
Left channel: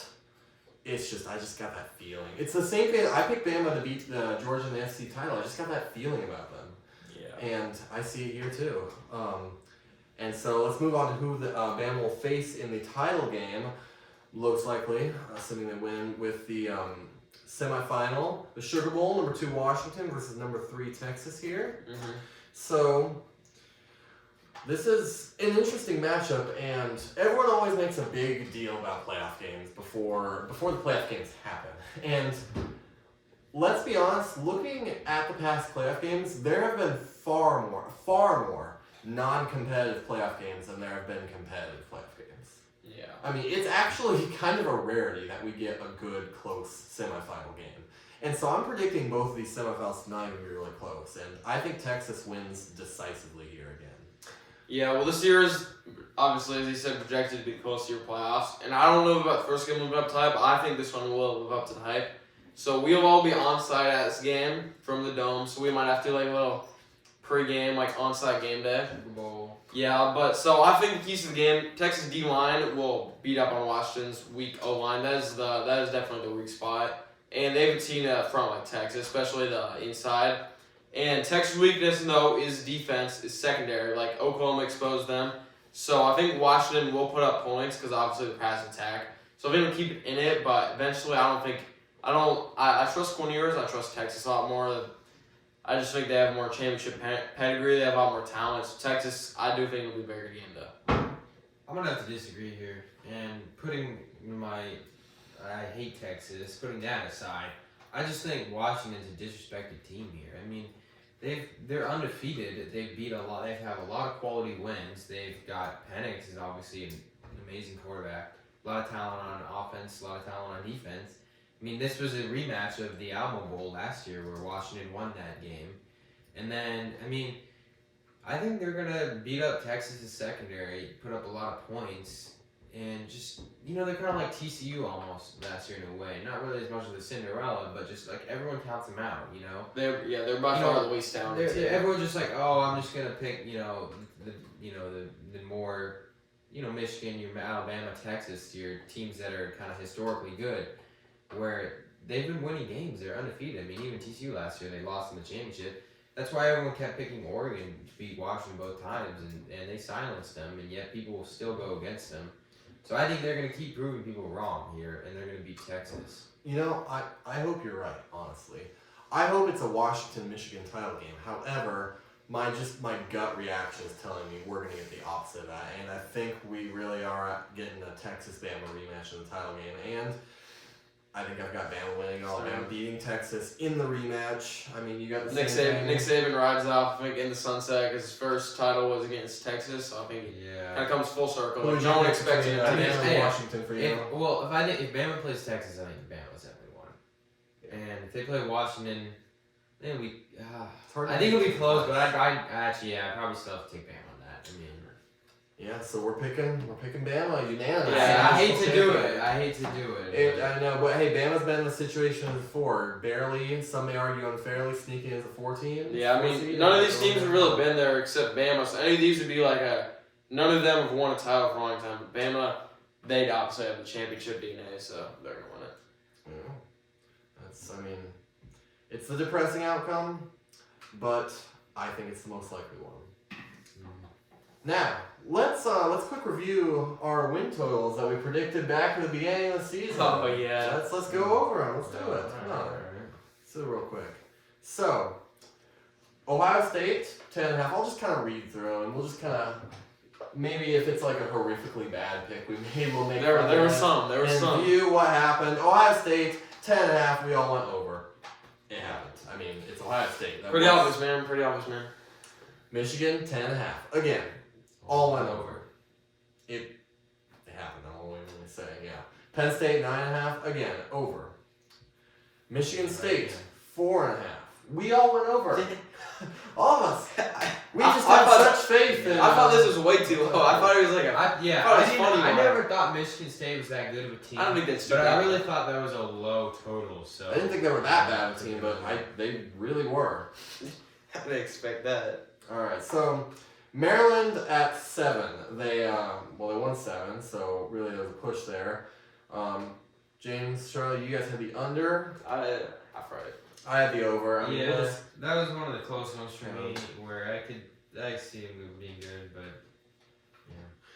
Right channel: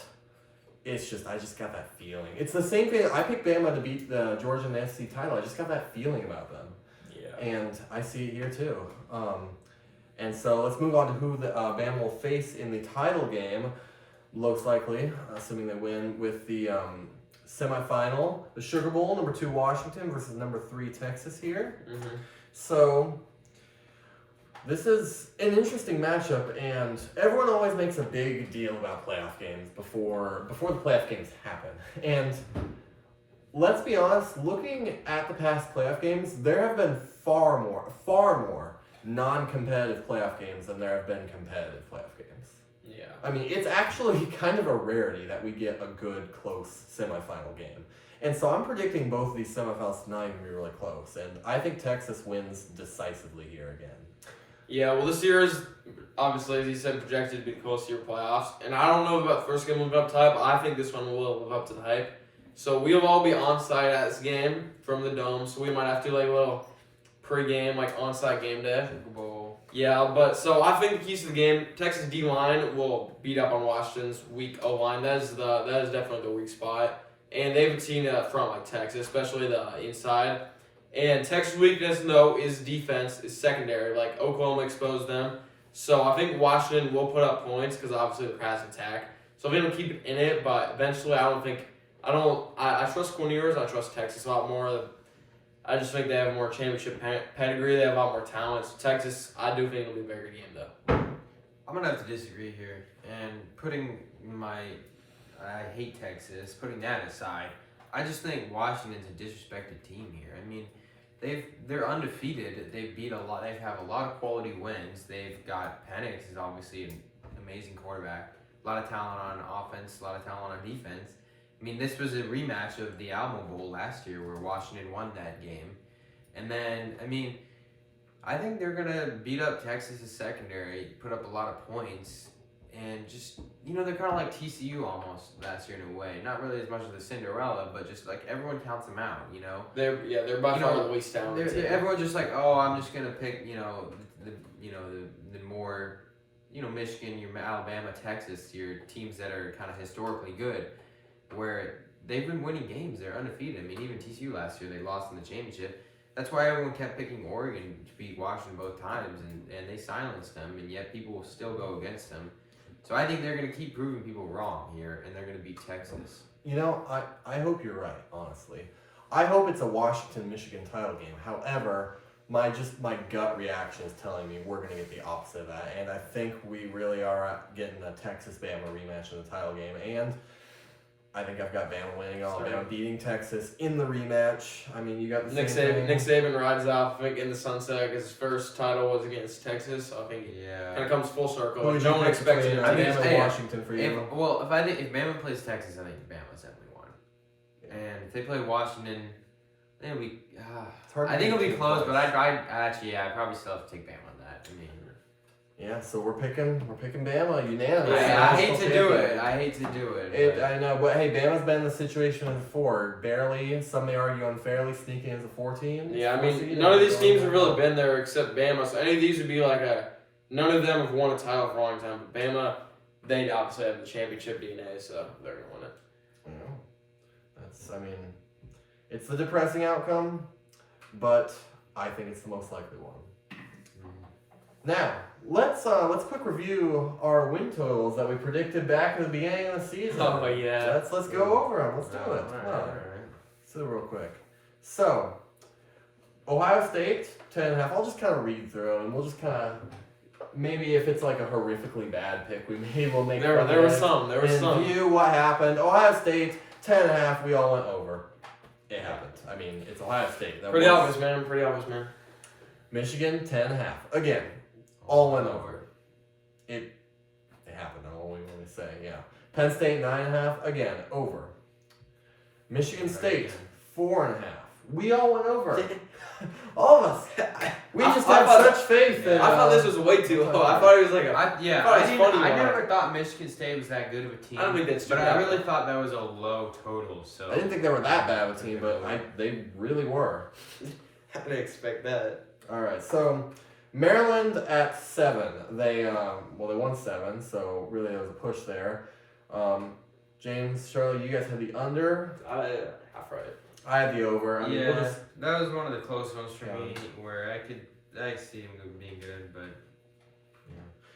it's just I just got that feeling. It's the same thing. I picked Bama to beat Georgia in the SEC title. I just got that feeling about them. Yeah. And I see it here too. And so let's move on to who the Bama will face in the title game. Most likely, assuming they win, with the semifinal, the Sugar Bowl, number 2 Washington versus number 3 Texas here. Mm-hmm. So this is an interesting matchup, and everyone always makes a big deal about playoff games before the playoff games happen. And let's be honest, looking at the past playoff games, there have been far more non-competitive playoff games than there have been competitive playoff games. Yeah. I mean, it's actually kind of a rarity that we get a good, close semifinal game. And so I'm predicting both of these semifinals tonight are going to be really close. And I think Texas wins decisively here again. Yeah, well, this year is obviously, as you said, projected to be close to your playoffs. And I don't know about the first game living up to hype, but I think this one will live up to the hype. So we'll all be on site at this game from the Dome. So we might have to do a little pre-game, on-site game day. Super Bowl. Yeah, but so I think the keys to the game, Texas D-line will beat up on Washington's weak O-line. That is definitely the weak spot. And they haven't seen a front like Texas, especially the inside. And Texas' weakness, though, is defense, is secondary. Like, Oklahoma exposed them. So I think Washington will put up points because obviously the pass attack. So I think they'll keep it in it, but eventually I trust Cornelius. I trust Texas a lot more. I just think they have more championship pedigree. They have a lot more talent. So Texas, I do think it'll be a very good game, though. I'm going to have to disagree here. And I hate Texas, putting that aside, I just think Washington's a disrespected team here. I mean, they're undefeated. They have a lot of quality wins. They've got Penix is obviously an amazing quarterback. A lot of talent on offense, a lot of talent on defense. I mean, this was a rematch of the Alamo Bowl last year where Washington won that game. And then, I mean, I think they're going to beat up Texas' secondary, put up a lot of points, and just, they're kind of like TCU almost last year in a way. Not really as much as a Cinderella, but just like everyone counts them out, They're by far the least talented. Everyone's just like, oh, I'm just going to pick, the more, Michigan, your Alabama, Texas, your teams that are kind of historically good, where they've been winning games. They're undefeated. I mean, even TCU last year, they lost in the championship. That's why everyone kept picking Oregon to beat Washington both times, and they silenced them, and yet people will still go against them. So I think they're going to keep proving people wrong here, and they're going to beat Texas. I hope you're right, honestly. I hope it's a Washington-Michigan title game. However, my gut reaction is telling me we're going to get the opposite of that, and I think we really are getting a Texas-Bama rematch in the title game, and I think I've got Bama winning. Alabama beating Texas in the rematch. I mean, you got the Nick Saban rides off in the sunset because his first title was against Texas. So I think it kind of comes full circle. Who would you expect it Bama and Washington for you? If Bama plays Texas, I think Bama's definitely won. And if they play Washington, I think it'll be. I think it'll be close, but I'd probably still have to take Bama on that. I mean, Yeah, so we're picking Bama unanimous. Yeah, I hate to do Pick it. I hate to do it. I know, but hey, Bama's been in the situation before. Barely, some may argue unfairly, sneaking as a 14. Yeah, I mean, seed. none of these teams have really been there except Bama. So any of these would be like none of them have won a title for a long time. But Bama, they obviously have the championship DNA, so they're gonna win it. Yeah, it's the depressing outcome, but I think it's the most likely one. Now, let's quick review our win totals that we predicted back at the beginning of the season. Oh yeah. Let's go over them. Let's do it. Come on. Let's do it real quick. So, Ohio State 10.5. I'll just kind of read through them, and we'll just kind of maybe if it's like a horrifically bad pick, we'll make. There were some. View what happened. Ohio State 10.5. We all went over. It happened. I mean, it's Ohio State. Pretty obvious, man. Michigan 10.5. Again. All went over. It happened. I'm only saying, yeah. Penn State 9.5. Again, over. Michigan State 4.5. We all went over. All of us. We just have such faith in. I thought this was way too low. I thought it was like I never thought Michigan State was that good of a team. I don't think that's but true. I really thought that was a low total. So I didn't think they were that bad of a team, but they really were. I didn't expect that. All right, so Maryland at 7. They won 7, so really there was a push there. James, Charlie, you guys had the under. I tried it. I had the over. I mean, that was one of the close ones for me, where I see him being good, but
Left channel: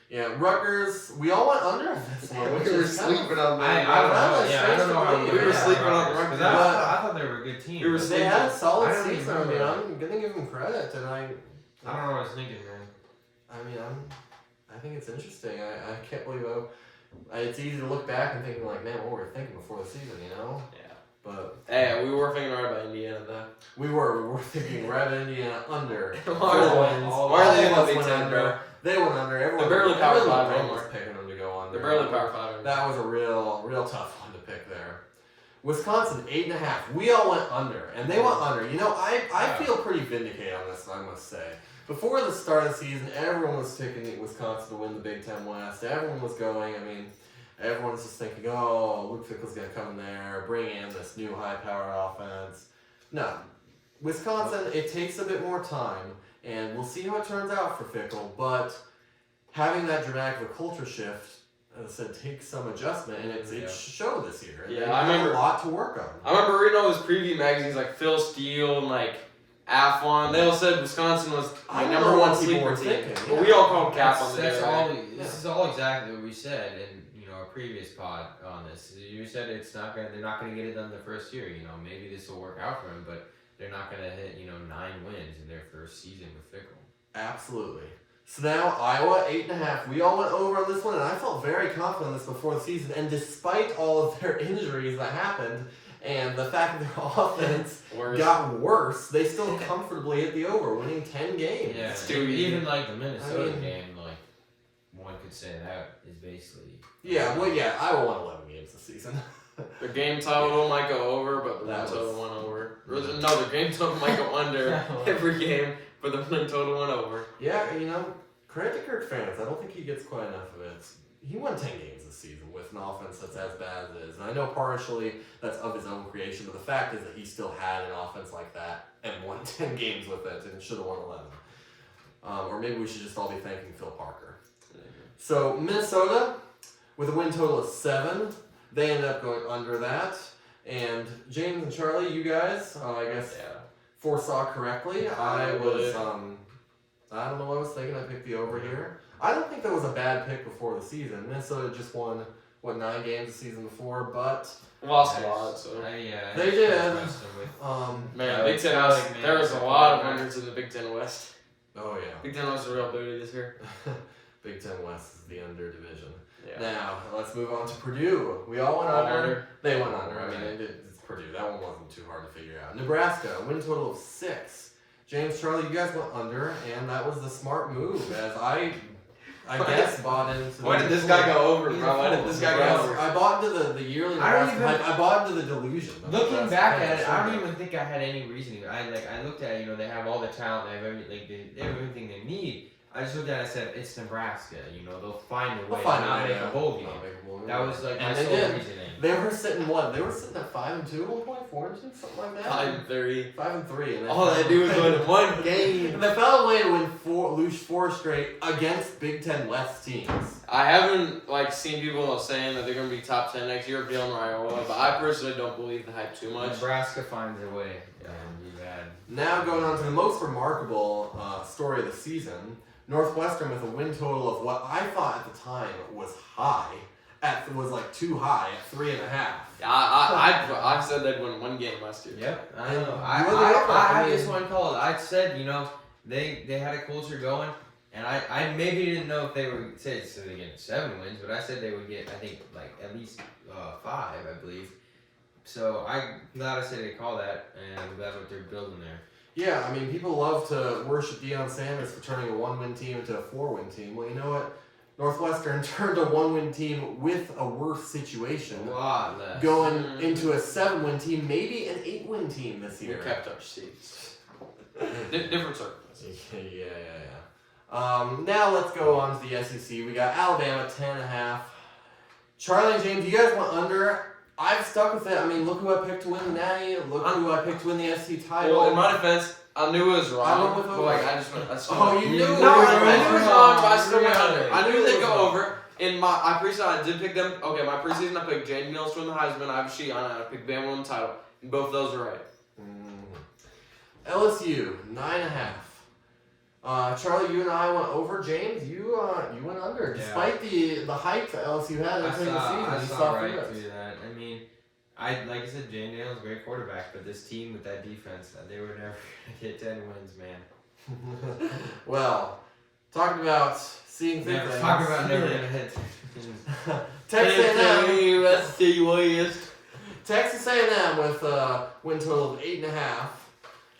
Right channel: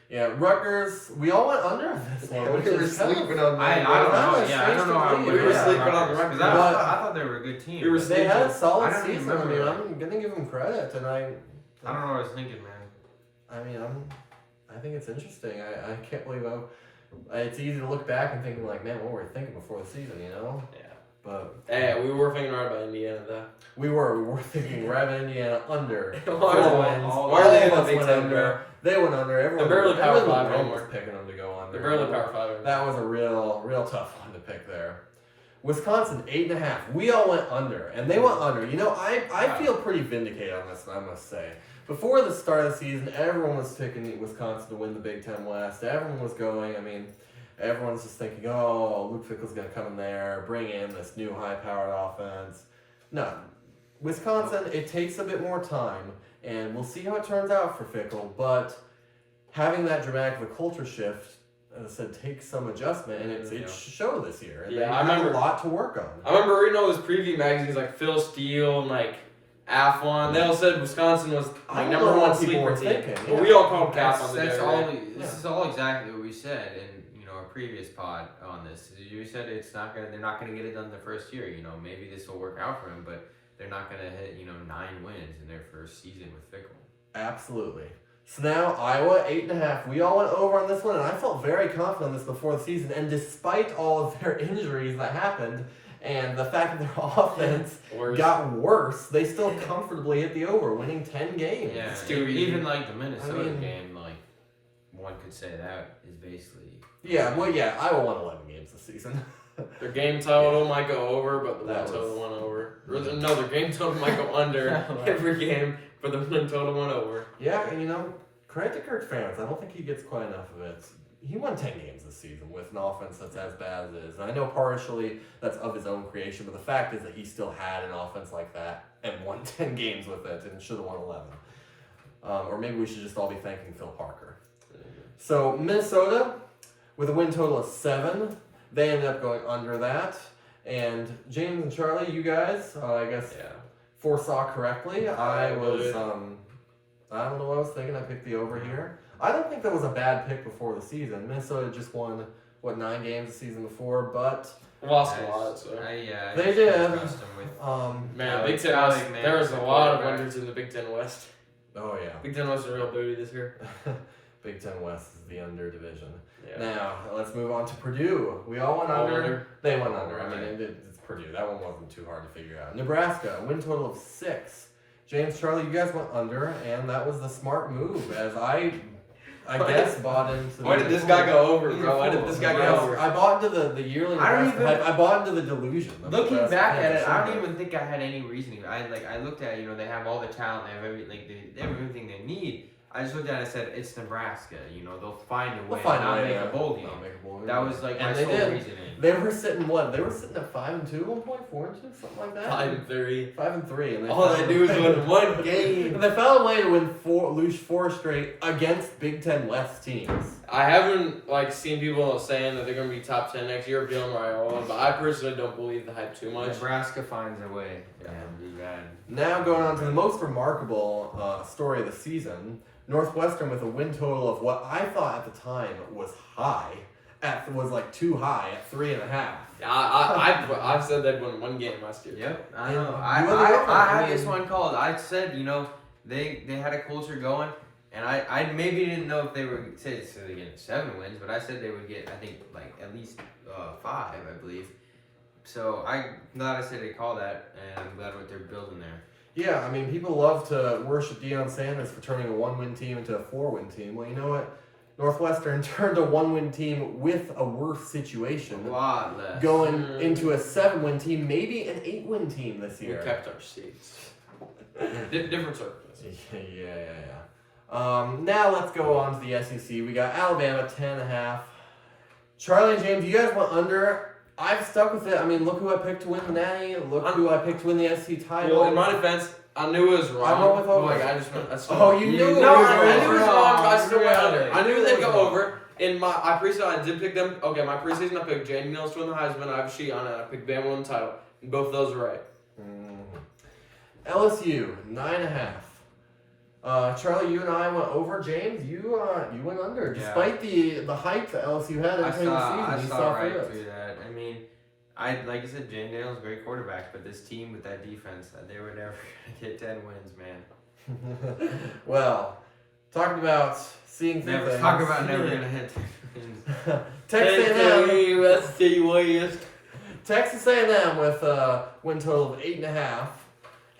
yeah, Rutgers. We all went under this one. We were sleeping on them. I don't know. Yeah, I don't know how we were sleeping on the Rutgers. Rutgers. I thought they were a good team. They had a solid I don't even season. I mean, remember. I'm gonna give them credit, and I don't know what I was thinking, man. I think it's interesting. I can't believe it's easy to look back and think like, man, what were we thinking before the season, you know? Yeah. But we were thinking hard about Indiana though. we were thinking Red Indiana under. All wins. all All the of us Big went Ten under. They went under. Everyone, barely Power everyone Five was anymore. picking them to go under. They're barely Power 5. That was a real tough one to pick there. Wisconsin 8.5. We all went under, and they went under. You know, I feel pretty vindicated on this, I must say. Before the start of the season, everyone was picking Wisconsin to win the Big Ten West. Everyone was going. I mean, everyone's just thinking, oh, Luke Fickell's going to come in there, bring in this new high-powered offense. No, Wisconsin, it takes a bit more time, and we'll see how it turns out for Fickell. But having that dramatic of a culture shift, as I said, takes some adjustment, and it showed this year. And Yeah, they I have remember- a lot to work on. I remember reading all those preview magazines like Phil Steele and like Athlon. They all said Wisconsin was I the don't number know one what people sleeper were team. thinking, But yeah. we all called cap on the That's day, all. right? This is all exactly what we said in our previous pod on this. You said they're not gonna get it done the first year. You know, maybe this will work out for them, but they're not gonna hit 9 wins in their first season with Fickell. Absolutely. So now Iowa 8.5. We all went over on this one, and I felt very confident on this before the season. And despite all of their injuries that happened, and the fact that their offense got worse, they still comfortably hit the over, winning 10 games. Yeah, It's too even like the Minnesota I mean- game, like one could say that is basically. Yeah, well, yeah, Iowa won 11 games this season. The game total might go over, but the That win total was- went over. No, the game total might go under every game, but the win total went over. Yeah, credit to Kirk Ferentz. I don't think he gets quite enough of it. He won 10 games this season with an offense that's as bad as it is. And I know partially that's of his own creation, but the fact is that he still had an offense like that and won 10 games with it and should have won 11. Or maybe we should just all be thanking Phil Parker. So Minnesota, with a win total of 7, they ended up going under that. And James and Charlie, you guys, I guess, foresaw correctly. I was, I don't know what I was thinking. I picked the over here. I don't think that was a bad pick before the season. Minnesota just won, 9 games the season before, but Lost a lot, so. They did. Man, Big Ten I West, like, man, there was a it's lot of quarterback. winners in the Big Ten West. oh yeah, Big Ten West is a real booty this year. Big Ten West is the under division. Yeah. Now let's move on to Purdue. We all went All under. under. They went under. I Right. mean, it's Purdue. That one wasn't too hard to figure out. Nebraska, win total of 6. James, Charlie, you guys went under, and that was the smart move. As I guess bought into. Why did this guy go over, bro? Why did this guy go over? I bought into the yearly. I don't Nebraska even- hype. I bought into the delusion. of Looking Nebraska back fans. at it, I Shouldn't don't have. even think I had any reason. I looked at they have all the talent, they have everything they need. I just looked at it and said, it's Nebraska. You know, they'll find a way They'll find to a not way make to a bowl game. not make a bowl game. That was like And my they sole did. reasoning. They were sitting what? They were sitting at 5-2 at one point, 4-2, something like that. 5-3. 5-3, and All they do is win one game. And they found a way to lose 4 straight against Big Ten West teams. I haven't seen people saying that they're gonna be top 10 next year, Jalen Raiola, but I personally don't believe the hype too much. Nebraska finds a way. Yeah, be bad. Now going on to the most remarkable story of the season, Northwestern with a win total of what I thought at the time was high, was too high at 3.5. I've said they'd win one game last year. Yep, I And know. you I had had this one called. I said, they had a culture going, and I maybe didn't know if they were say they get 7 wins, but I said they would get, I think, at least 5, I believe. So I'm glad I said they call that, and I'm glad what they're building there. Yeah, I mean, people love to worship Deion Sanders for turning a 1-win team into a 4-win team. Well, you know what? Northwestern turned a 1-win team with a worse situation, A lot less. going into a 7-win team, maybe an 8-win team this We year. kept our seats. Different circumstances. Yeah. Now let's go on to the SEC. We got Alabama 10.5. Charlie and James, you guys went under. I've stuck with it. I mean, look who I picked to win the Natty. Look who I picked to win the SEC title. Well, in my defense, I knew it was wrong. I went with over. I just went. Oh, you knew it was No, wrong. I knew it was wrong, but I still went Really? under. I knew It they'd was go wrong. over. In my preseason, I did pick them. Okay, my preseason, I picked Jaden Mills from the Heisman. I have a sheet on it. I picked Bama win the title. And both of those are right. LSU 9.5. Charlie, you and I went over. James, you went under. Yeah. Despite the hype that LSU had at the beginning of the season, I you saw right through it. through that. I mean, like I said, Jane Daniels, great quarterback, but this team with that defense, they were never gonna get 10 wins, man. Well, talking about seeing through Never things. talk about never gonna hit 10 wins. Texas A&M with a win total of 8.5.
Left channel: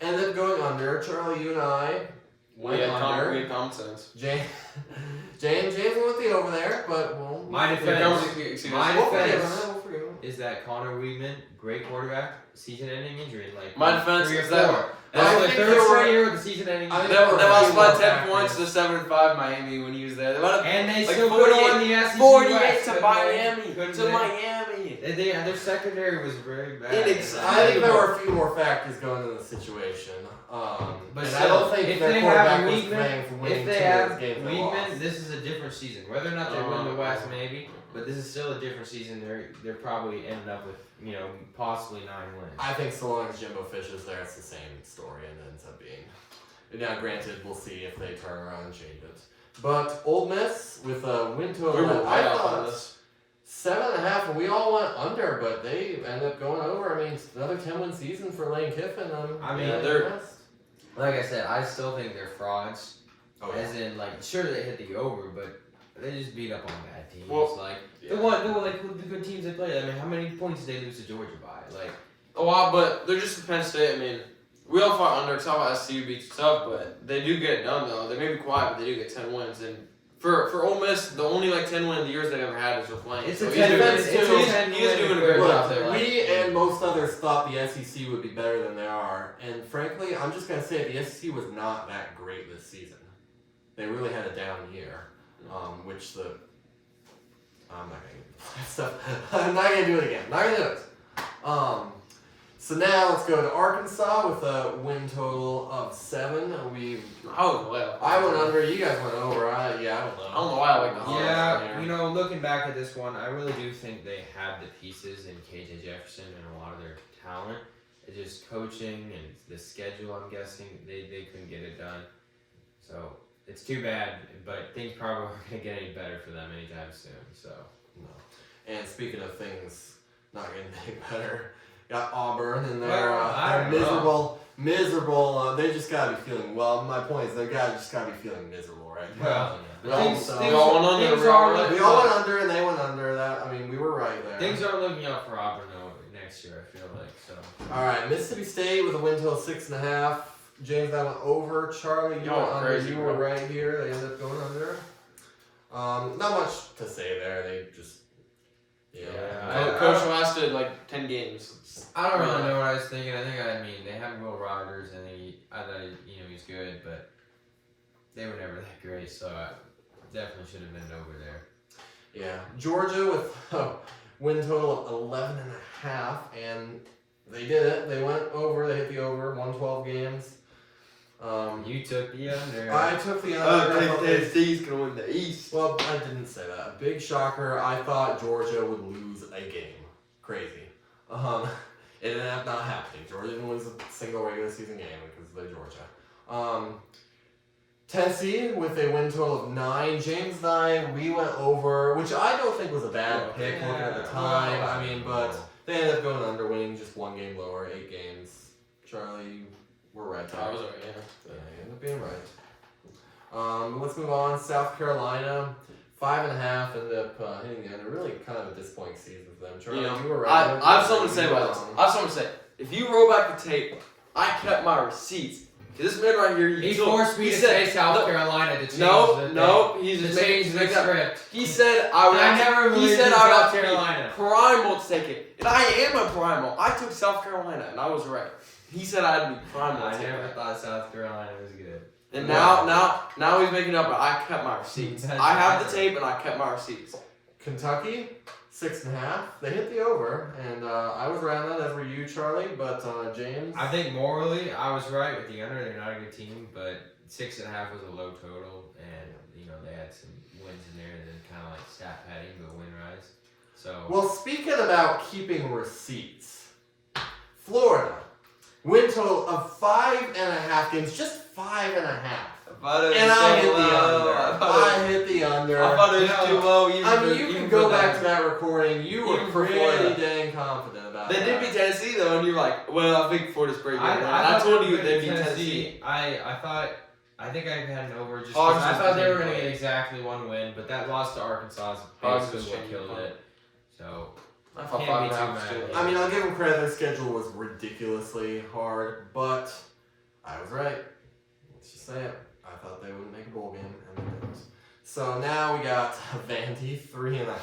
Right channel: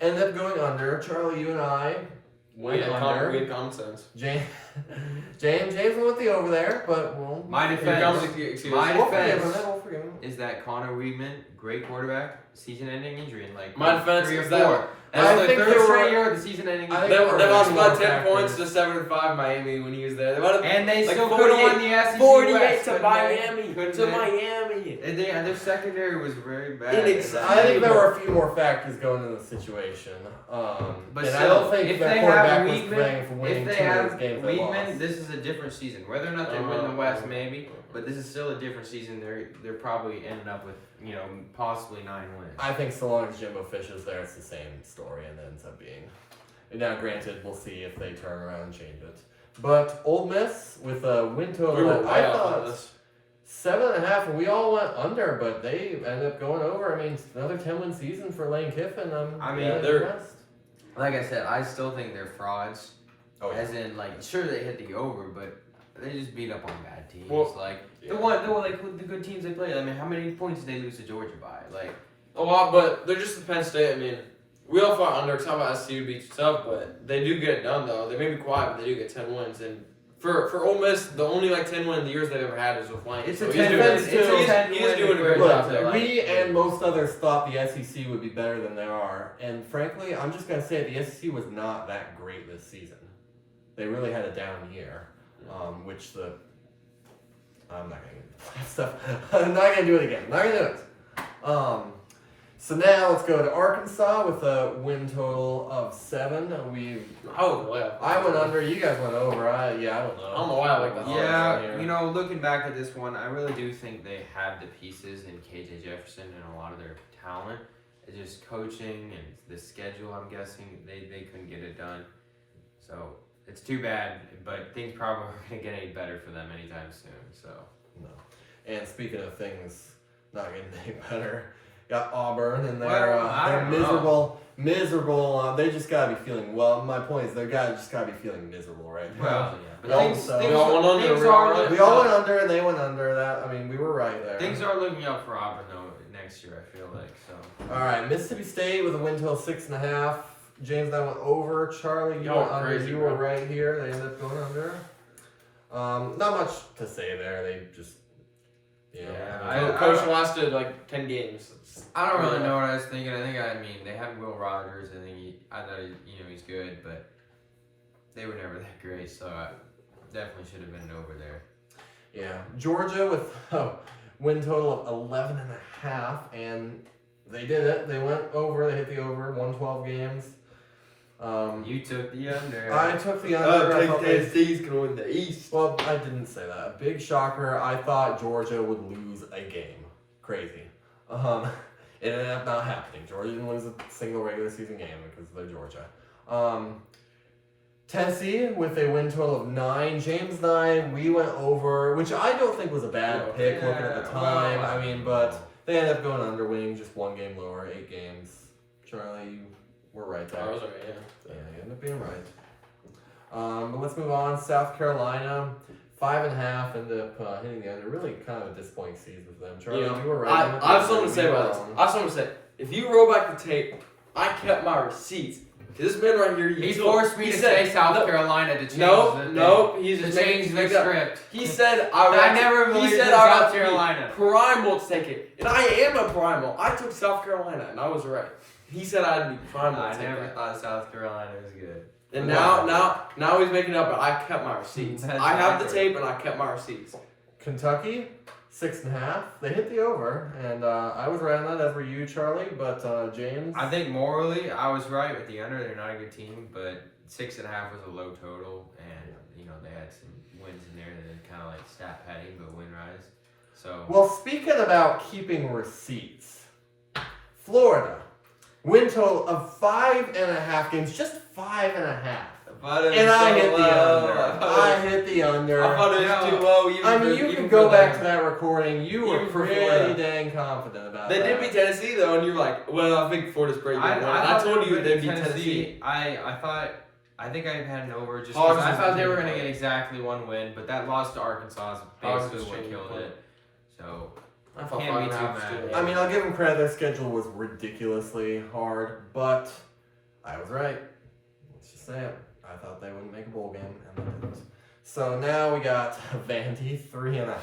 Ended up going under. Charlie, you and I went We under. had common sense. James went with the over there, but we'll My Here defense- comes the- my we'll forgive him. defense- We'll forgive him. Is that Connor Weidman, great quarterback, season-ending injury in My defense 3 or is that 4. I That's the think third there were- straight year with the season-ending I injury. think They there were lost few by more 10 factors. points to 7-5 Miami when he was there. They would've- And they like still could have 48 won the SEC 48 West, to couldn't Miami. they? Couldn't To they? Miami. Their secondary was very bad. Inexcusable. I think there were a few more factors going into the situation. But and I still, don't think if their they quarterback have was Weidman- playing for winning If two they have of those games they Weidman, lost. this is a different season. Whether or not they win the West, maybe, but this is still a different season. They're probably ending up with possibly 9 wins. I think so long as Jimbo Fish is there, it's the same story and it ends up being. Now, granted, we'll see if they turn around and change it. But Ole Miss with a win total We were that way I off on thought this. 7.5, and we all went under, but they ended up going over. I mean, another 10-win season for Lane Kiffin. I mean, yeah, they're- impressed. Like I said, I still think they're frauds. Oh, yeah. As in, sure they hit the over, but they just beat up on bad teams. Well, the good teams they played. I mean, how many points did they lose to Georgia by? A lot, but they're just Penn State. I mean, we all fought under. Talk about SCU beats tough, but they do get it done though. They may be quiet, but they do get 10 wins. And for Ole Miss, the only 10 win years they've ever had is with Lane. It's So a he's 10 doing- win. It's he's a doing- 10 he's win doing a equivalent. great job Look, there. we and most others thought the SEC would be better than they are, and frankly, I'm just gonna say the SEC was not that great this season. They really had a down year, which I'm not gonna get into that stuff. I'm not gonna do it again. Not gonna do it. So now let's go to Arkansas with a win total of 7. I went under. You guys went over. I don't know. I don't know why I like the Hawks Yeah, here. looking back at this one, I really do think they have the pieces in KJ Jefferson and a lot of their talent. It's just coaching and the schedule, I'm guessing, they couldn't get it done. So it's too bad, but things probably aren't going to get any better for them anytime soon. So No. And speaking of things not getting any better, got Auburn and they're I don't know. miserable. They just gotta be feeling. Well, my point is they just gotta be feeling miserable right now. Well, We but all- things, so- things, We all went under, things we all are went looking we all up. went under and they went under. That I mean, we were right there. Things are looking up for Auburn though next year. I feel like so. All right, Mississippi State with a win total of 6.5. James, that went over. Charlie, you Y'all went under. crazy, You were bro. right here. They ended up going under. Not much to say there. They just, Coach lasted 10 games. I don't really know what I was thinking. I mean they have Will Rogers. I thought he's good, but they were never that great, so I definitely should have been over there. Yeah, Georgia with a win total of 11.5, and they did it. They went over. They hit the over. 112 games. You took the under. I took the under. I thought Tennessee's going to win the East. well, I didn't say that. A big shocker. I thought Georgia would lose a game. Crazy. It ended up not happening. Georgia didn't lose a single regular season game because they're Georgia. Tennessee with a win total of 9. James and I, we went over, which I don't think was a bad pick looking at the time. Well, I mean, but they ended up going under, winning just 1 game lower, 8 games. Charlie, you were right there. I was right, yeah. Yeah, you ended up being right. But let's move on. South Carolina, 5.5, ended up hitting the under. Really kind of a disappointing season for them. Charlie, Yeah. you were right. I have something to say about this. I have something to say. If you roll back the tape, I kept my receipts. This man right here, He forced me to say South Carolina to change the thing. No, he's To just change the script. He said I never he believed said in I South got to be Carolina. primal to take it, and I am a primal. I took South Carolina, and I was right. He said I'd be primal. I to take never that. thought South Carolina was good. And now he's making up, but I kept my receipts. That's I have the right. tape, and I kept my receipts. Kentucky, 6.5. They hit the over, and I was right on that, as were you, Charlie. But James, I think morally, I was right with the under. They're not a good team, but 6.5 was a low total, and they had some wins in there, and then kind of like stat padding, but win rise. So well, speaking about keeping receipts, Florida, win total of 5.5 games, just 5.5. And I hit the under. I hit the under. I thought it was too low. I mean, you can go back to that recording. You were pretty dang confident about They that. did beat Tennessee though, and you're like, well, I think Florida's pretty good. I told you they beat Tennessee. I think I had an over just Hogs because I was thought they were good. going to get exactly 1 win, but that loss to Arkansas is Hogs basically was what changing killed the it. So I thought Can't be 5.5 too was mad. good. I mean, I'll give them credit. Their schedule was ridiculously hard, but I was right. Let's just say it. I thought they wouldn't make a bowl game, and they didn't. So now we got Vandy 3.5,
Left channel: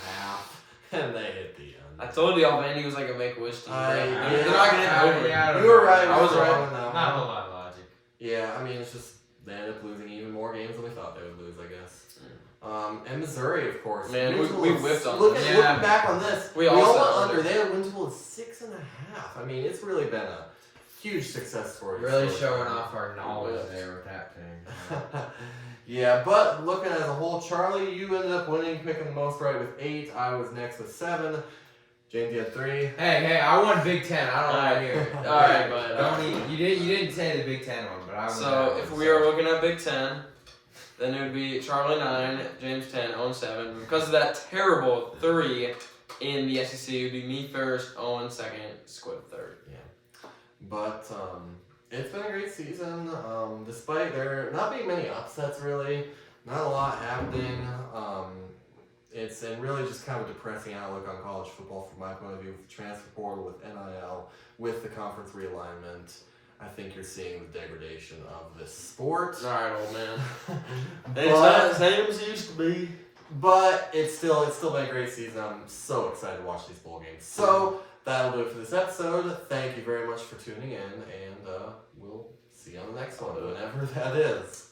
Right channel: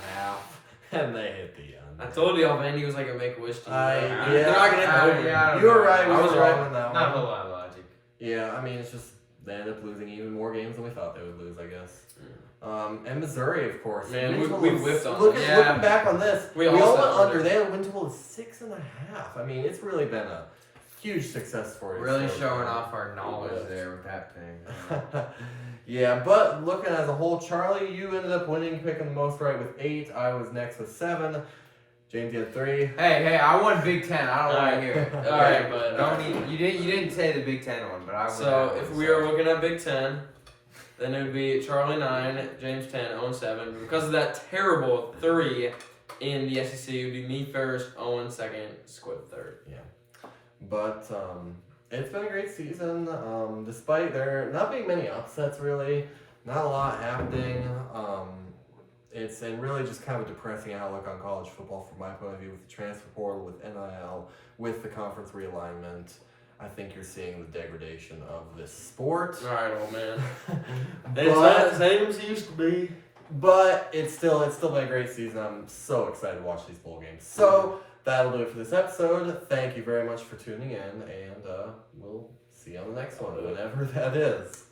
and they hit the I under. told you Vandy was like a make-a-wish team. Yeah, They're not gonna hit over. yeah. You were right. I I was was right wrong. on that not a one. whole lot of logic. Yeah, I mean, it's just they ended up losing even more games than we thought they would lose, I guess. And Missouri, of course. Man, Win we total of- whipped on looking, them. Yeah. looking back on this, We we all all said went under. under. They had a win total of 6.5. I mean, it's really been a huge success story. Really showing off our knowledge Yeah. there with that thing. Yeah, but looking as a whole, Charlie, you ended up winning, picking the most right with 8. I was next with 7. James, you had 3. Hey, I won Big Ten. I don't want to hear it. All right, but Don't even, you didn't say the Big Ten one, but I won So that if one, we so. are looking at Big Ten, then it would be Charlie 9, James 10, Owen 7. Because of that terrible 3 in the SEC, it would be me first, Owen second, Squid third. But it's been a great season, despite there not being many upsets, really. Not a lot happening. It's really just kind of a depressing outlook on college football from my point of view, with the transfer portal, with NIL, with the conference realignment. I think you're seeing the degradation of this sport. All right, old man. but, It's not the same as it used to be. but it's still been a great season. I'm so excited to watch these bowl games. So that'll do it for this episode. Thank you very much for tuning in, and we'll see you on the next one, whenever that is.